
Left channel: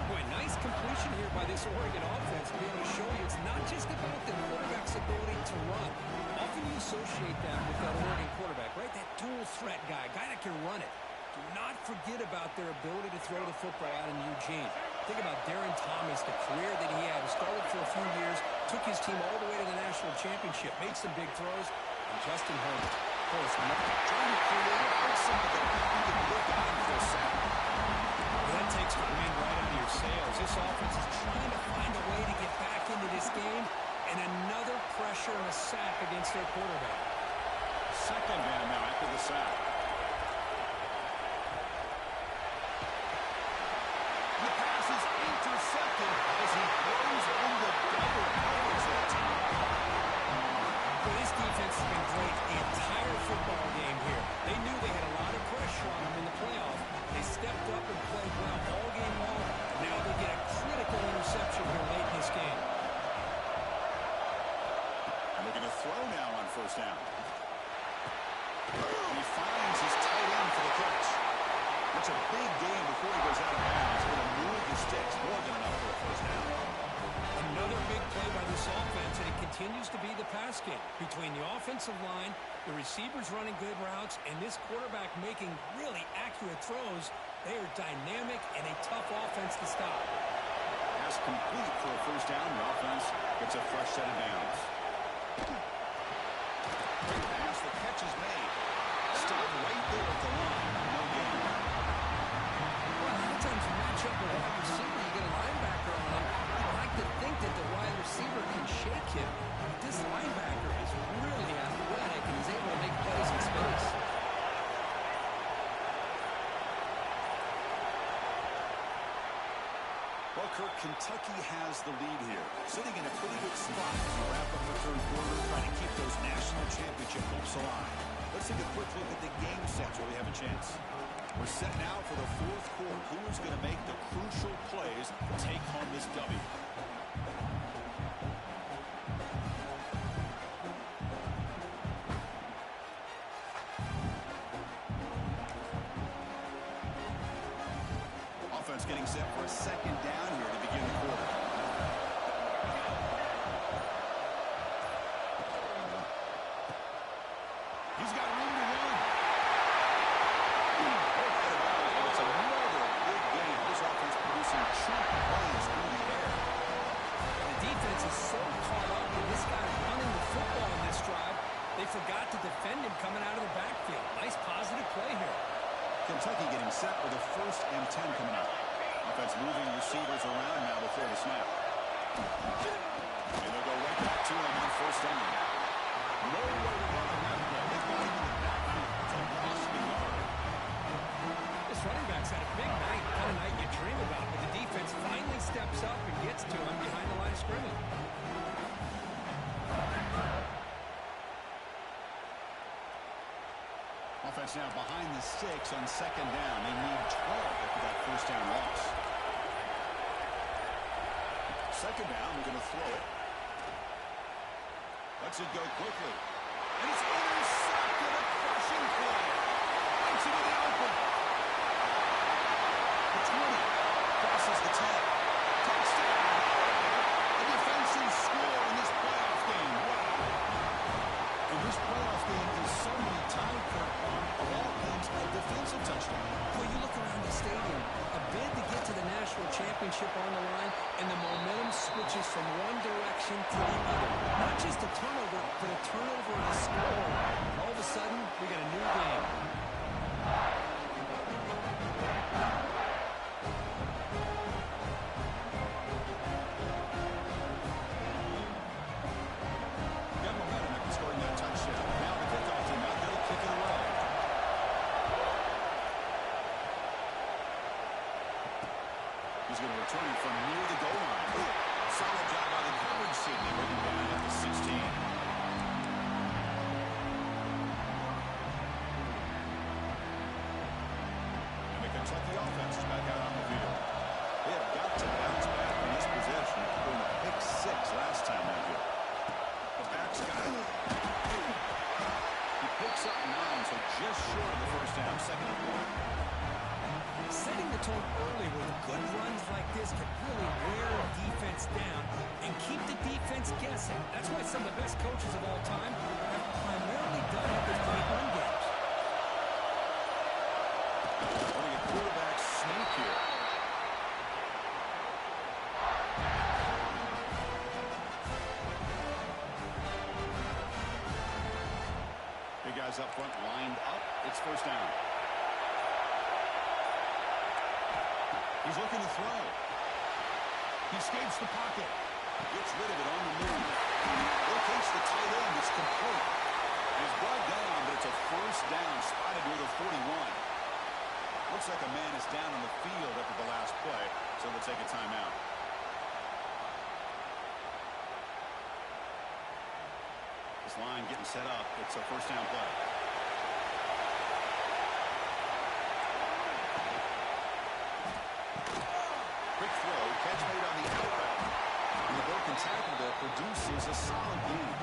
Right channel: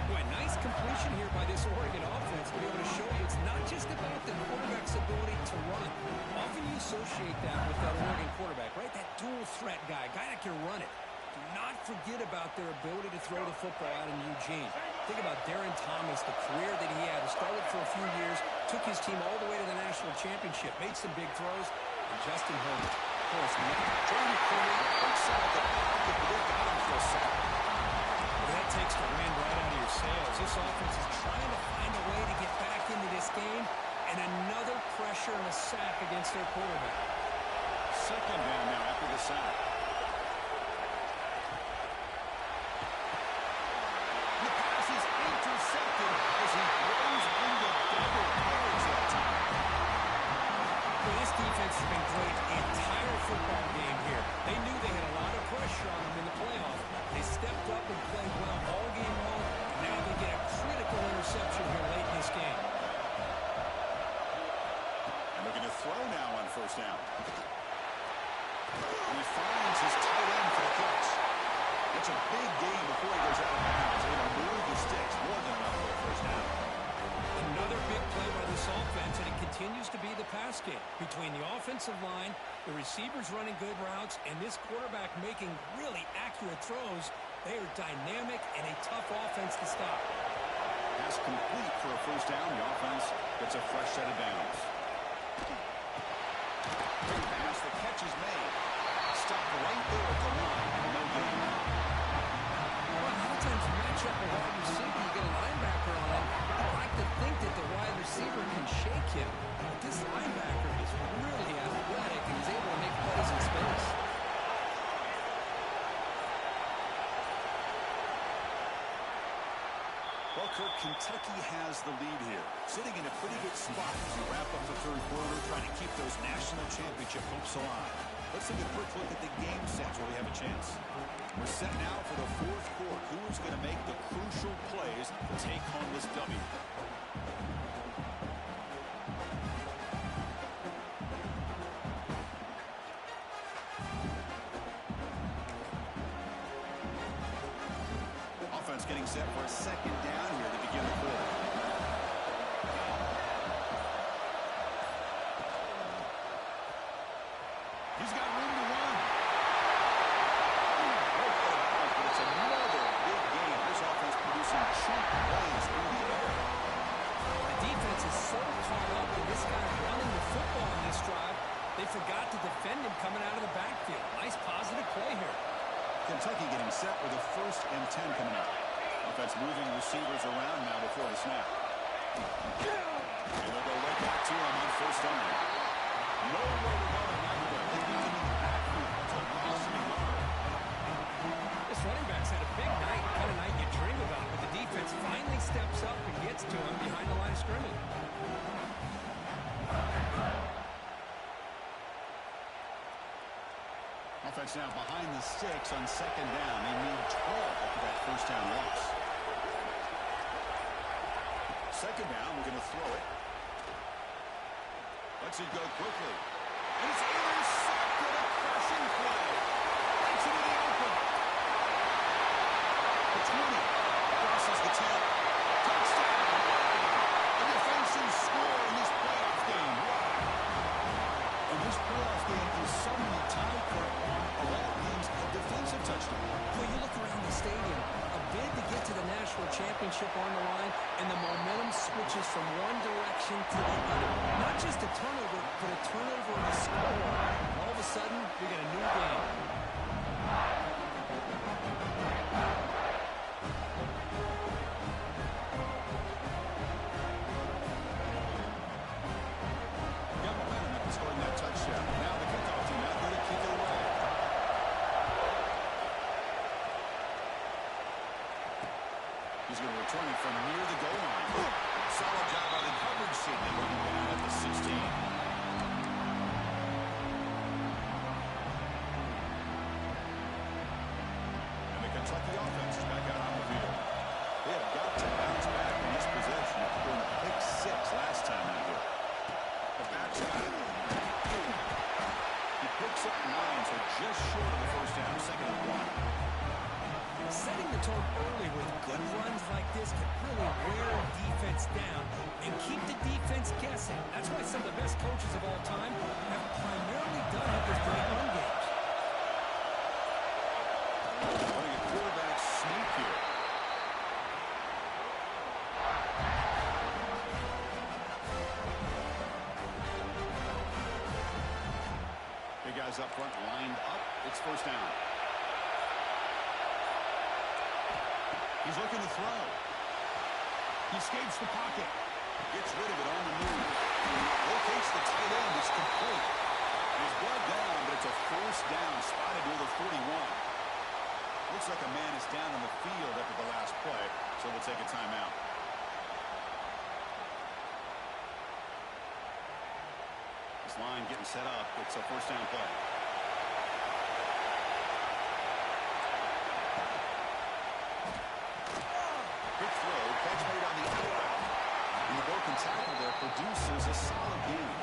Boy, nice completion here by this Oregon offense to be able to show you it's not just about the quarterback's ability to run. Often you associate that with that Oregon quarterback, right? That dual threat guy that can run it. Do not forget about their ability to throw the football out in Eugene. Think about Darren Thomas, the career that he had. He started for a few years, took his team all the way to the national championship, made some big throws, and Justin Herbert, of course, trying to create outside the pocket, but they got him for a sack. Well, that takes the wind right out of your sails. This offense is trying to find a way to get back into this game, and another pressure and a sack against their quarterback. 2nd down now after the sack. The pass is intercepted as he throws into double coverage that time. Well, this defense has been great the entire football game here. They knew they had a lot of pressure on them in the playoff. They stepped up and played well all game long, and now they get a critical interception here late in this game. And looking to throw now on 1st down. And he finds his tight end for the catch. That's a big gain before he goes out of bounds. Able to move the sticks. More than enough for a 1st down. Another big play by this offense, and it continues to be the pass game. Between the offensive line, the receivers running good routes, and this quarterback making really accurate throws, they are dynamic and a tough offense to stop. Pass complete for a 1st down. The offense gets a fresh set of downs. Great pass. The catch is made. Stopped right there at the line. No gain. Well, a lot of times you match up a wide receiver, you get a linebacker on him. I'd like to think that the wide receiver can shake him. But this linebacker is really athletic and is able to make plays in space. Well, Kirk, Kentucky has the lead here, sitting in a pretty good spot as we wrap up the 3rd quarter, trying to keep those national championship hopes alive. Let's take a quick look at the game sets where we have a chance. We're set now for the 4th quarter. Who is going to make the crucial plays to take home this W? Offense getting set for a 2nd down here to begin the quarter. He's got Kentucky getting set with a 1st and 10 coming up. Offense moving receivers around now before the snap. And they'll go right back to him on 1st down. Nowhere to run on that play. They've got him in the backfield. It's a loss of a yard. This running back's had a big night, kind of night you dream about, but the defense finally steps up and gets to him behind the line of scrimmage. Offense now behind the 6 on 2nd down. They need 12 after that 1st down loss. 2nd down, we're going to throw it. Lets it go quickly. And it's intercepted, a crushing play. Breaks into the open. The 20 crosses the 10. Touchdown, Oregon. A defensive score in this playoff game. Wow. And this playoff game is suddenly tied, Kurt, on, of all things, a defensive touchdown. Well, you look around the stadium, a bid to get to the national championship on the line, and the momentum switches from one direction to the other. Not just a turnover, but a turnover and a score. And all of a sudden, we got a new game. Got momentum after scoring that touchdown. Now the kickoff team out there to kick it away. He's going to return it from near the goal line. Solid job by the coverage team. They bring him down at the 16. And the Kentucky offense is back out on the field. They have got to bounce back in this possession after doing a pick 6 last time out here. The back's got it. He picks up 9, so just short of the 1st down, 2nd and 1. Setting the tone early with good runs like this can really wear a defense down and keep the defense guessing. That's why some of the best coaches of all time have primarily done it with great run games. Running a quarterback sneak here. Big guys up front lined up. It's 1st down. He's looking to throw. He escapes the pocket. Gets rid of it on the move. Locates the tight end. It's complete. He's brought down, but it's a 1st down. Spotted near the 41. Looks like a man is down on the field after the last play, so we'll take a timeout. This line getting set up. It's a 1st down play. Quick throw, catch made on the outright. And the broken tackle there produces a solid game.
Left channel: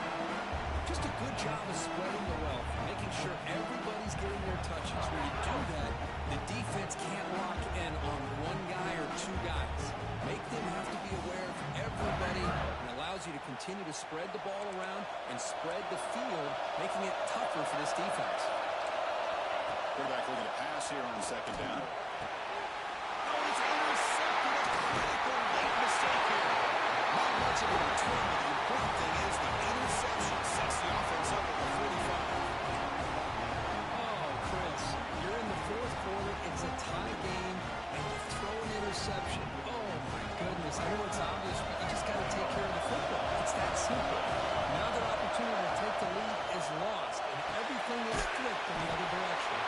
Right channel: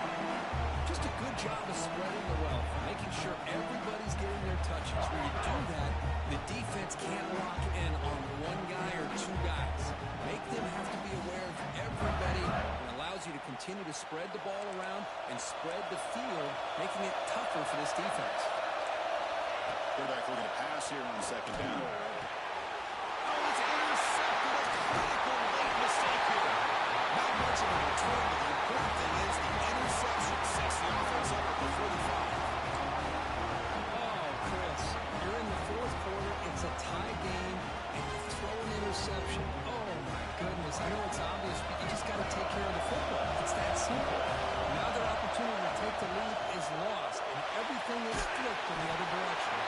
Just a good job of spreading the wealth, making sure everybody's getting their touches. When you do that, the defense can't lock in on one guy or 2 guys. Make them have to be aware of everybody, and allows you to continue to spread the ball around and spread the field, making it tougher for this defense. Quarterback looking to pass here on 2nd down. Oh, it's intercepted. A critical late mistake here. Not much of a return, but the important thing is the interception sets the offense up at the 45. Oh, Chris, you're in the 4th quarter. It's a tie game, and you throw an interception. Oh, my goodness. I know it's obvious, but you just got to take care of the football. It's that simple. Now their opportunity to take the lead is lost, and everything is flipped in the other direction.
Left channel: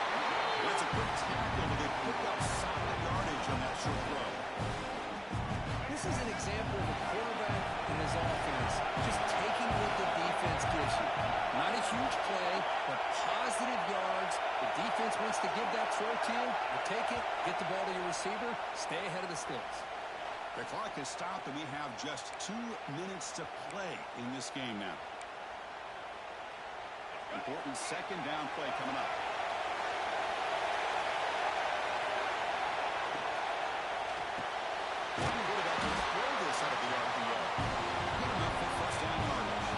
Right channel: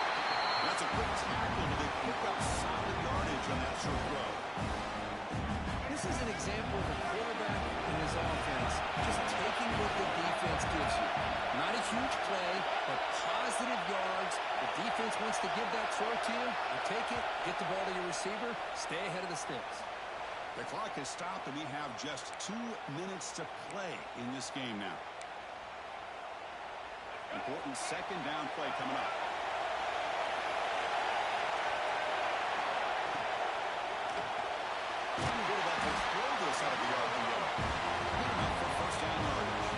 That's a quick tackle, but they pick up solid yardage on that short throw. This is an example of a quarterback and his offense just taking what the defense gives you. Not a huge play, but positive yards. The defense wants to give that throw to you. You take it, get the ball to your receiver, stay ahead of the sticks. The clock has stopped, and we have just 2 minutes to play in this game now. Important 2nd down play coming up. Quarterback will throw this out of the RPO. Good enough for 1st down yardage.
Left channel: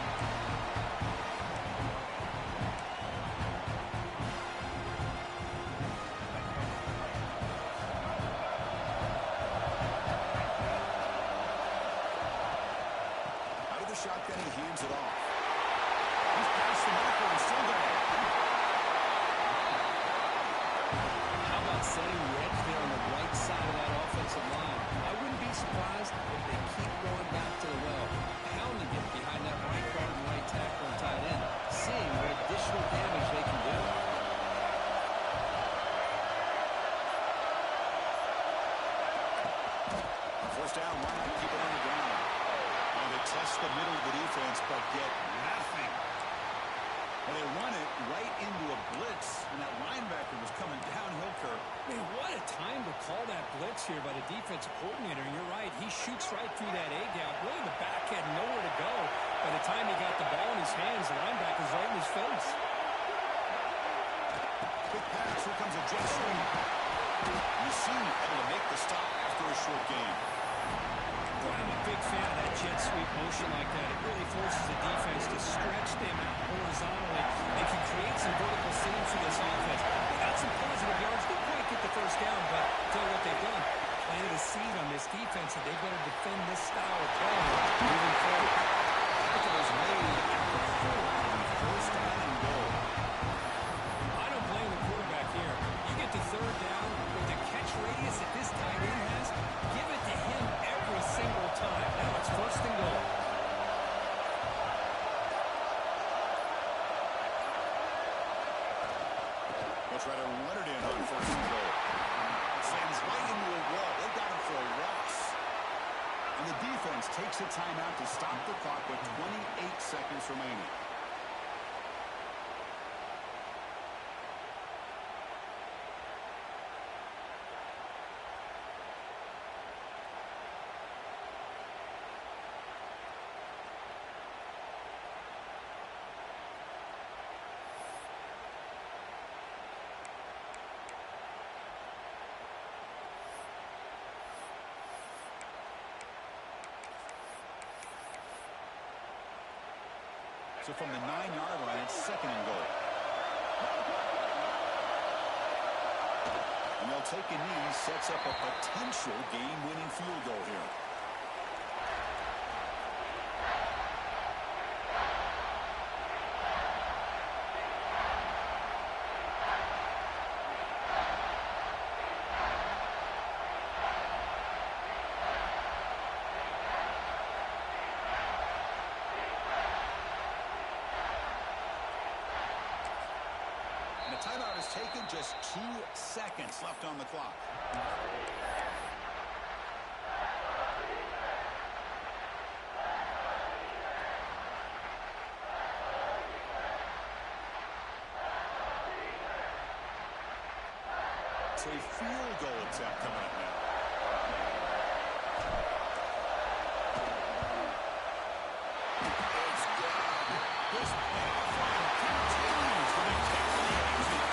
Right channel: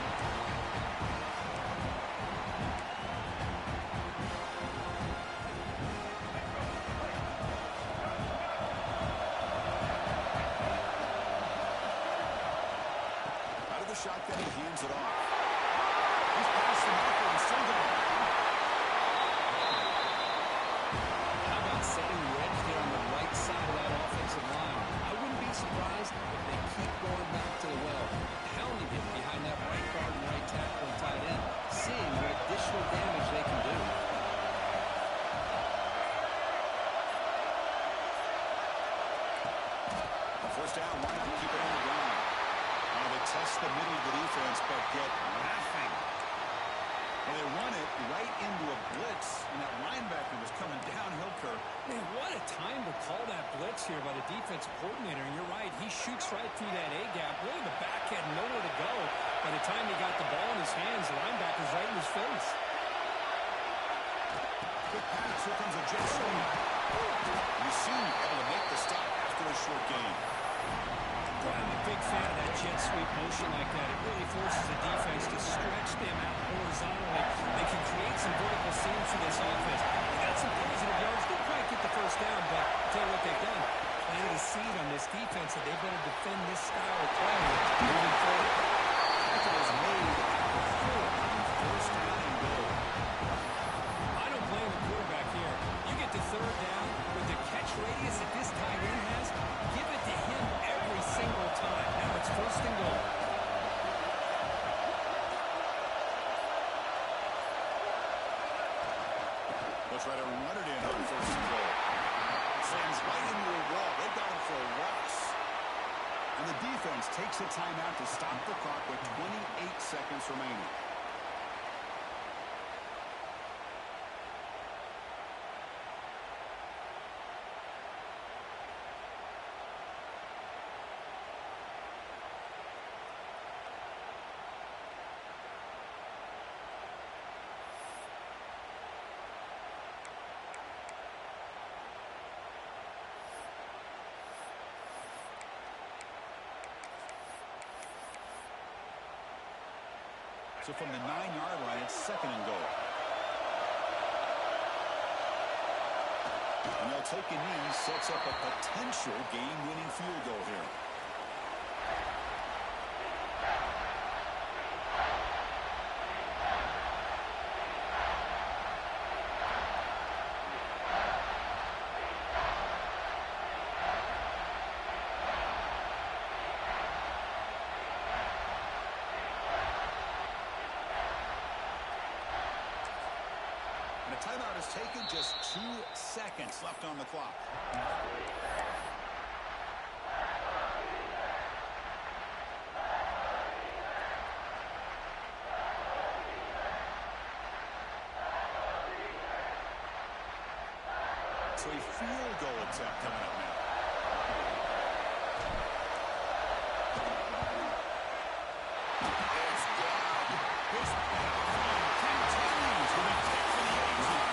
Out of the shotgun, he hands it off. He's past the marker and still going. How about setting wedge there on the right side of that offensive line. I wouldn't be surprised if they keep going back to the well, pounding it behind that right guard and right tackle and tight end, seeing what additional damage they can do. First down, why not keep it on the ground? They test the middle of the defense, but get nothing. Well, they run it right into a blitz, and that linebacker was coming downhill, Kirk. Man, what a time to call that blitz here by the defensive coordinator. And you're right, he shoots right through that A-gap. Really, the back had nowhere to go. By the time he got the ball in his hands, the linebacker's right in his face. Quick pass, here comes a jet sweep. Yaseen able to make the stop after a short game. Boy, I'm a big fan of that jet sweep motion like that. It really forces the defense to stretch them out horizontally. They can create some vertical seams for this offense. They got some positive yards. Didn't quite get the first down, but I'll tell you what they've done. Planted a seed on this defense, and they better defend this style of play moving forward. Tackle is made at the 4 on first down and goal. I don't blame the quarterback here. You get to third down with the catch radius that this tight end has, give it to him every single time. Now it's first and goal. They'll try to run it in on first and goal. Slams right into a wall. They got him for a loss. And the defense takes a timeout to stop the clock with 28 seconds remaining. So from the 9-yard line, it's second and goal. And they'll take a knee, sets up a potential game-winning field goal here. And a timeout is taken, just 2 seconds left on the clock. So a field goal attempt coming up now. It's good. This playoff run continues with a kick for the ages.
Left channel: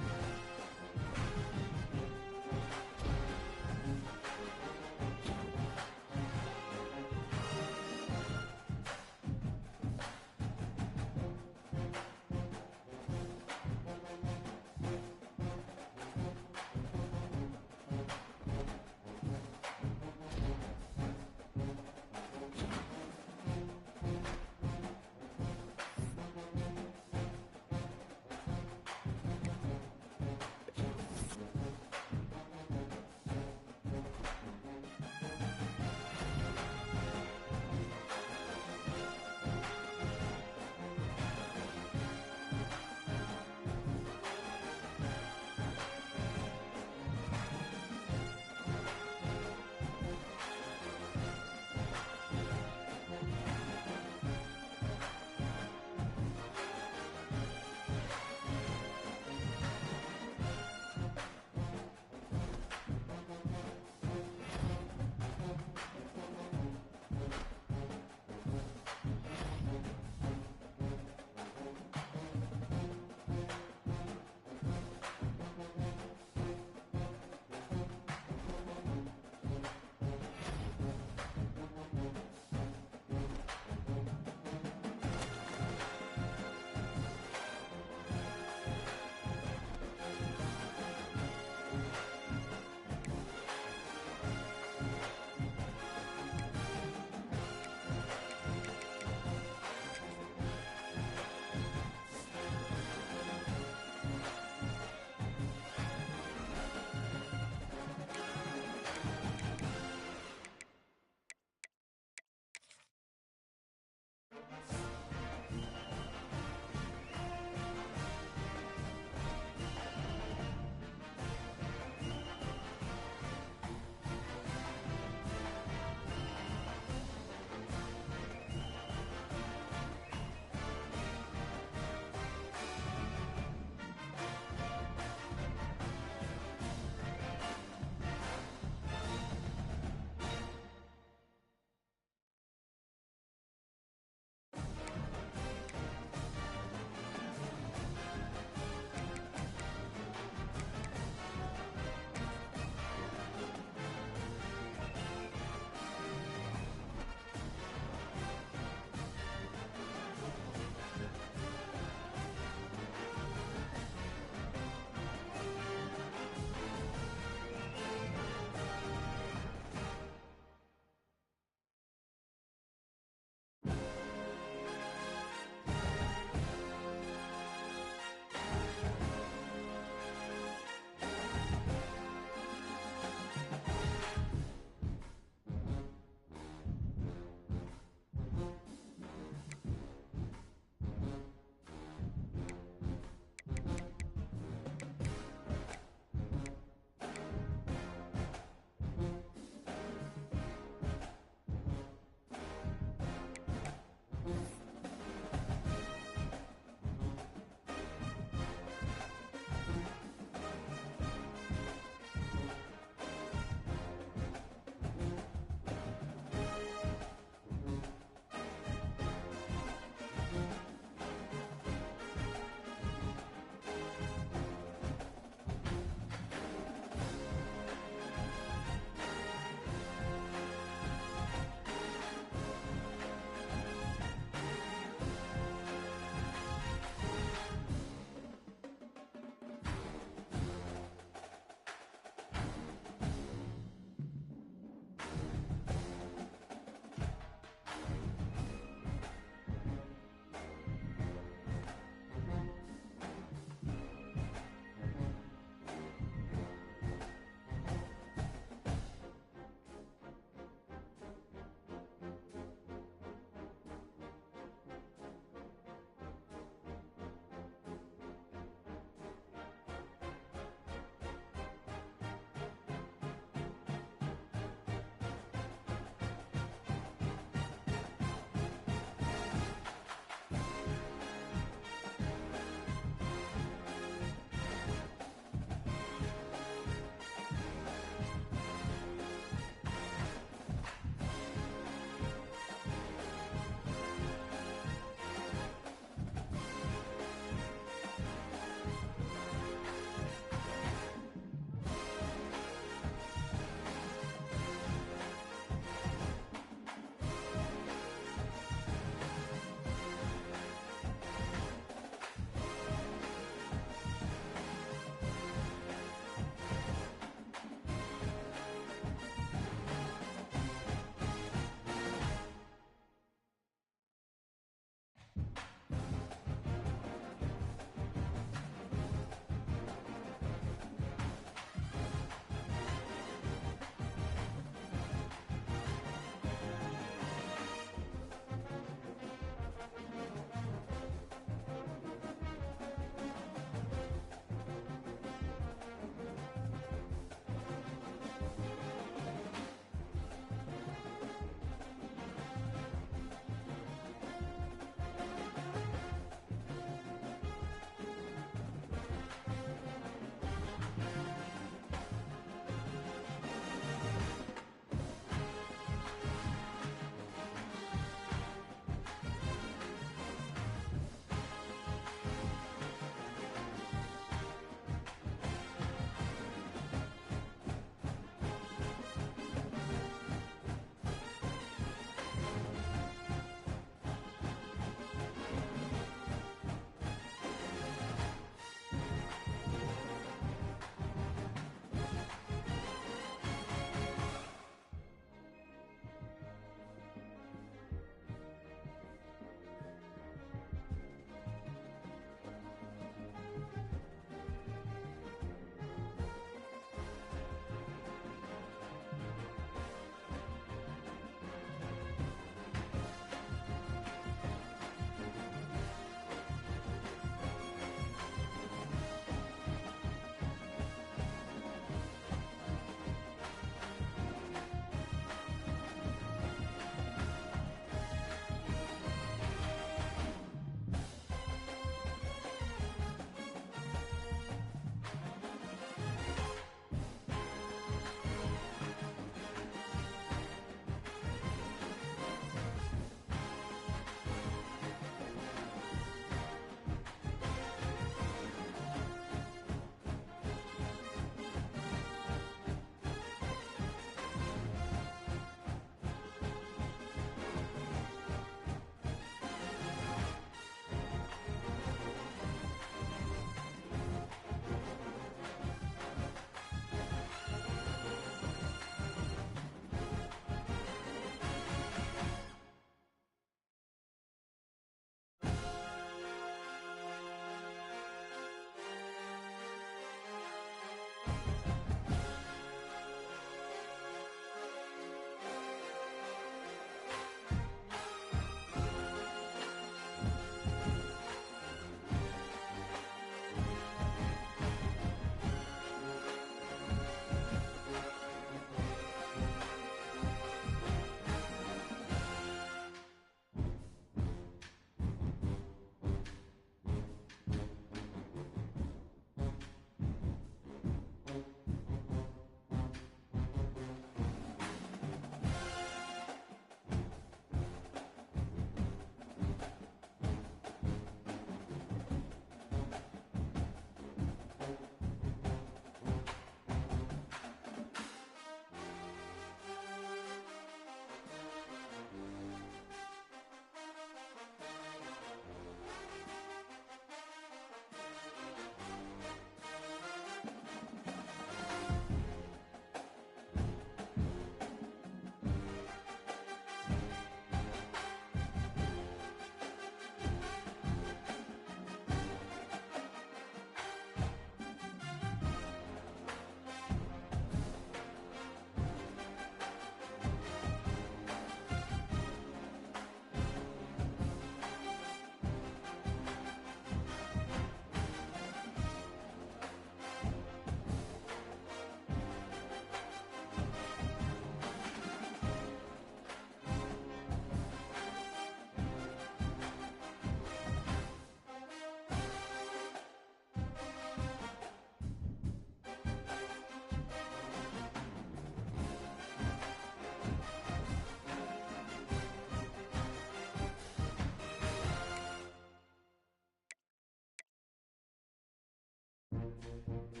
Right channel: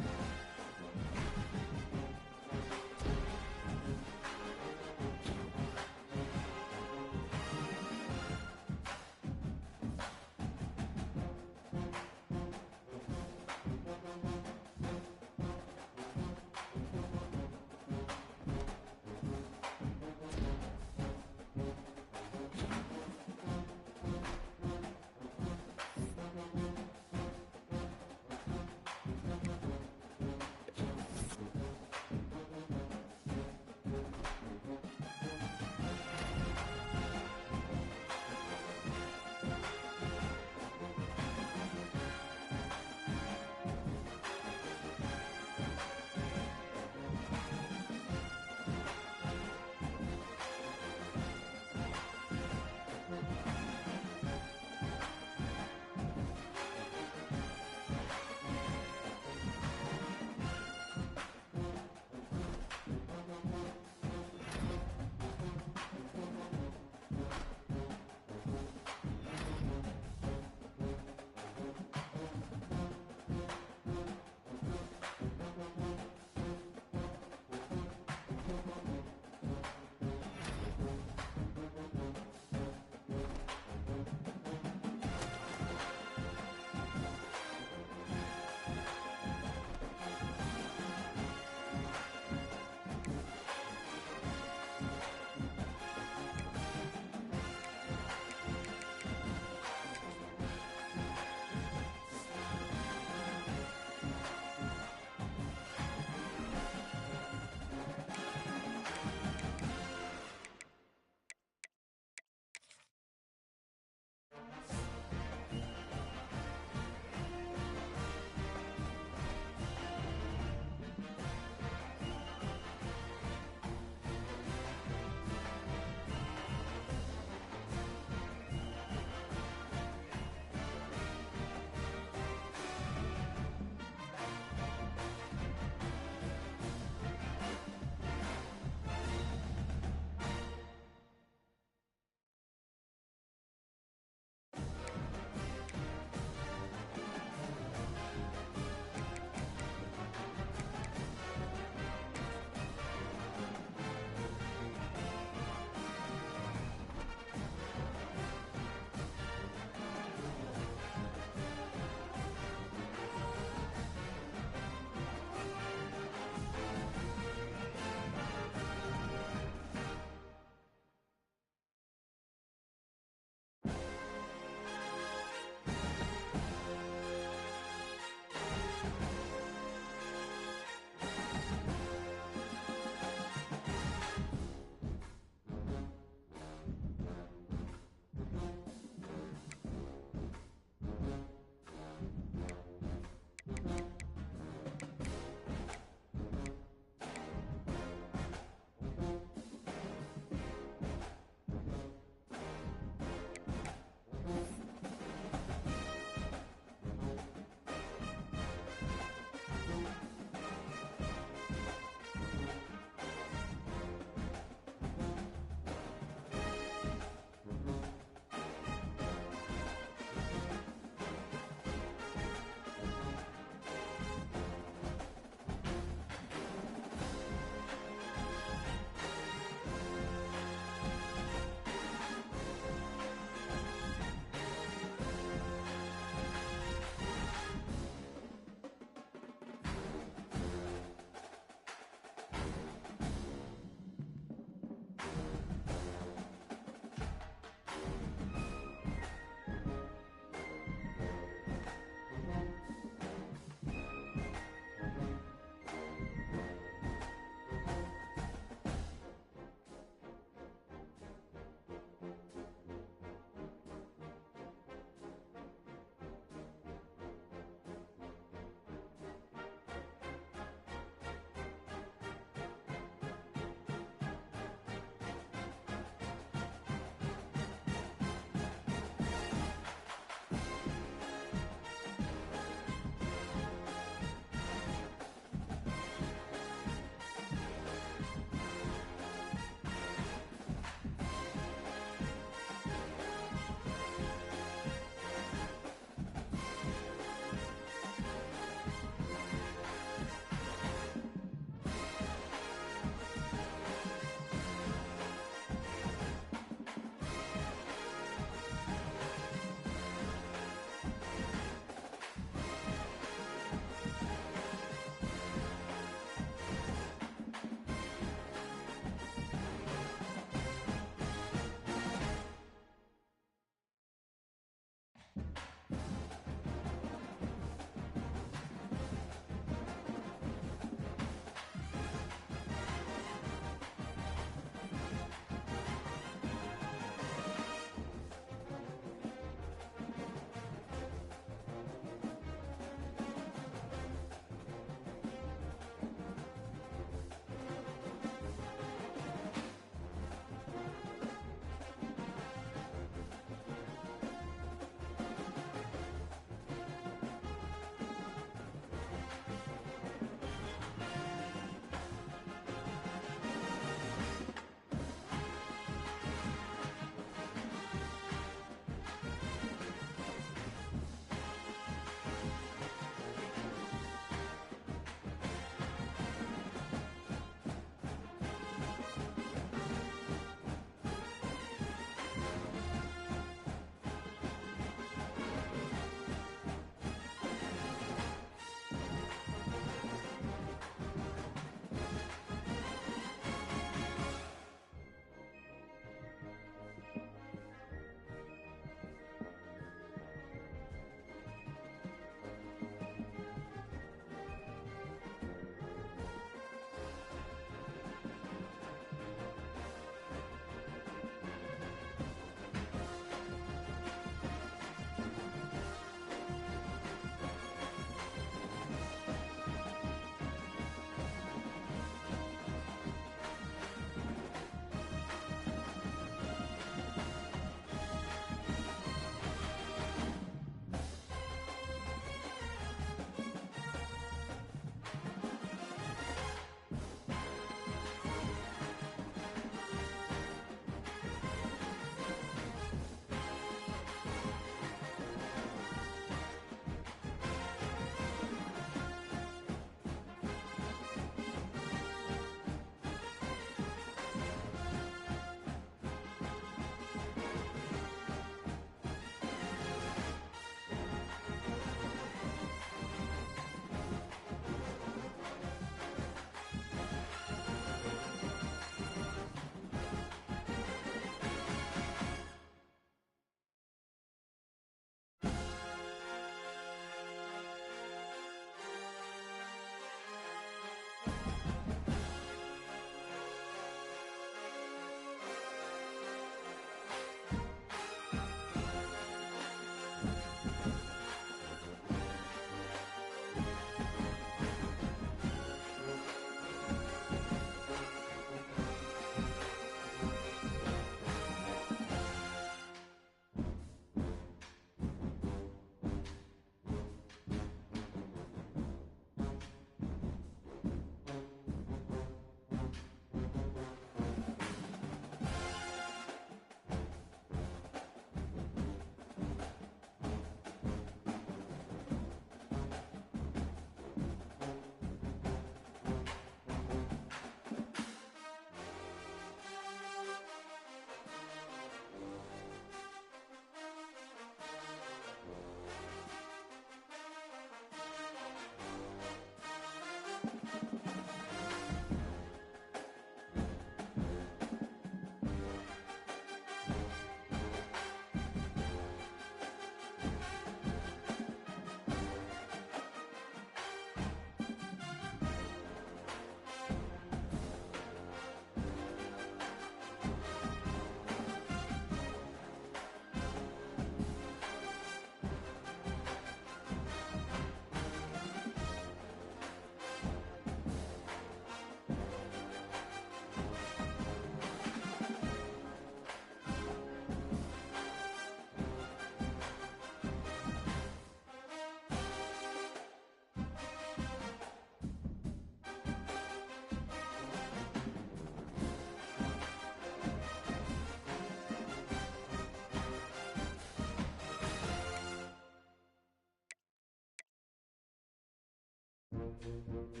it.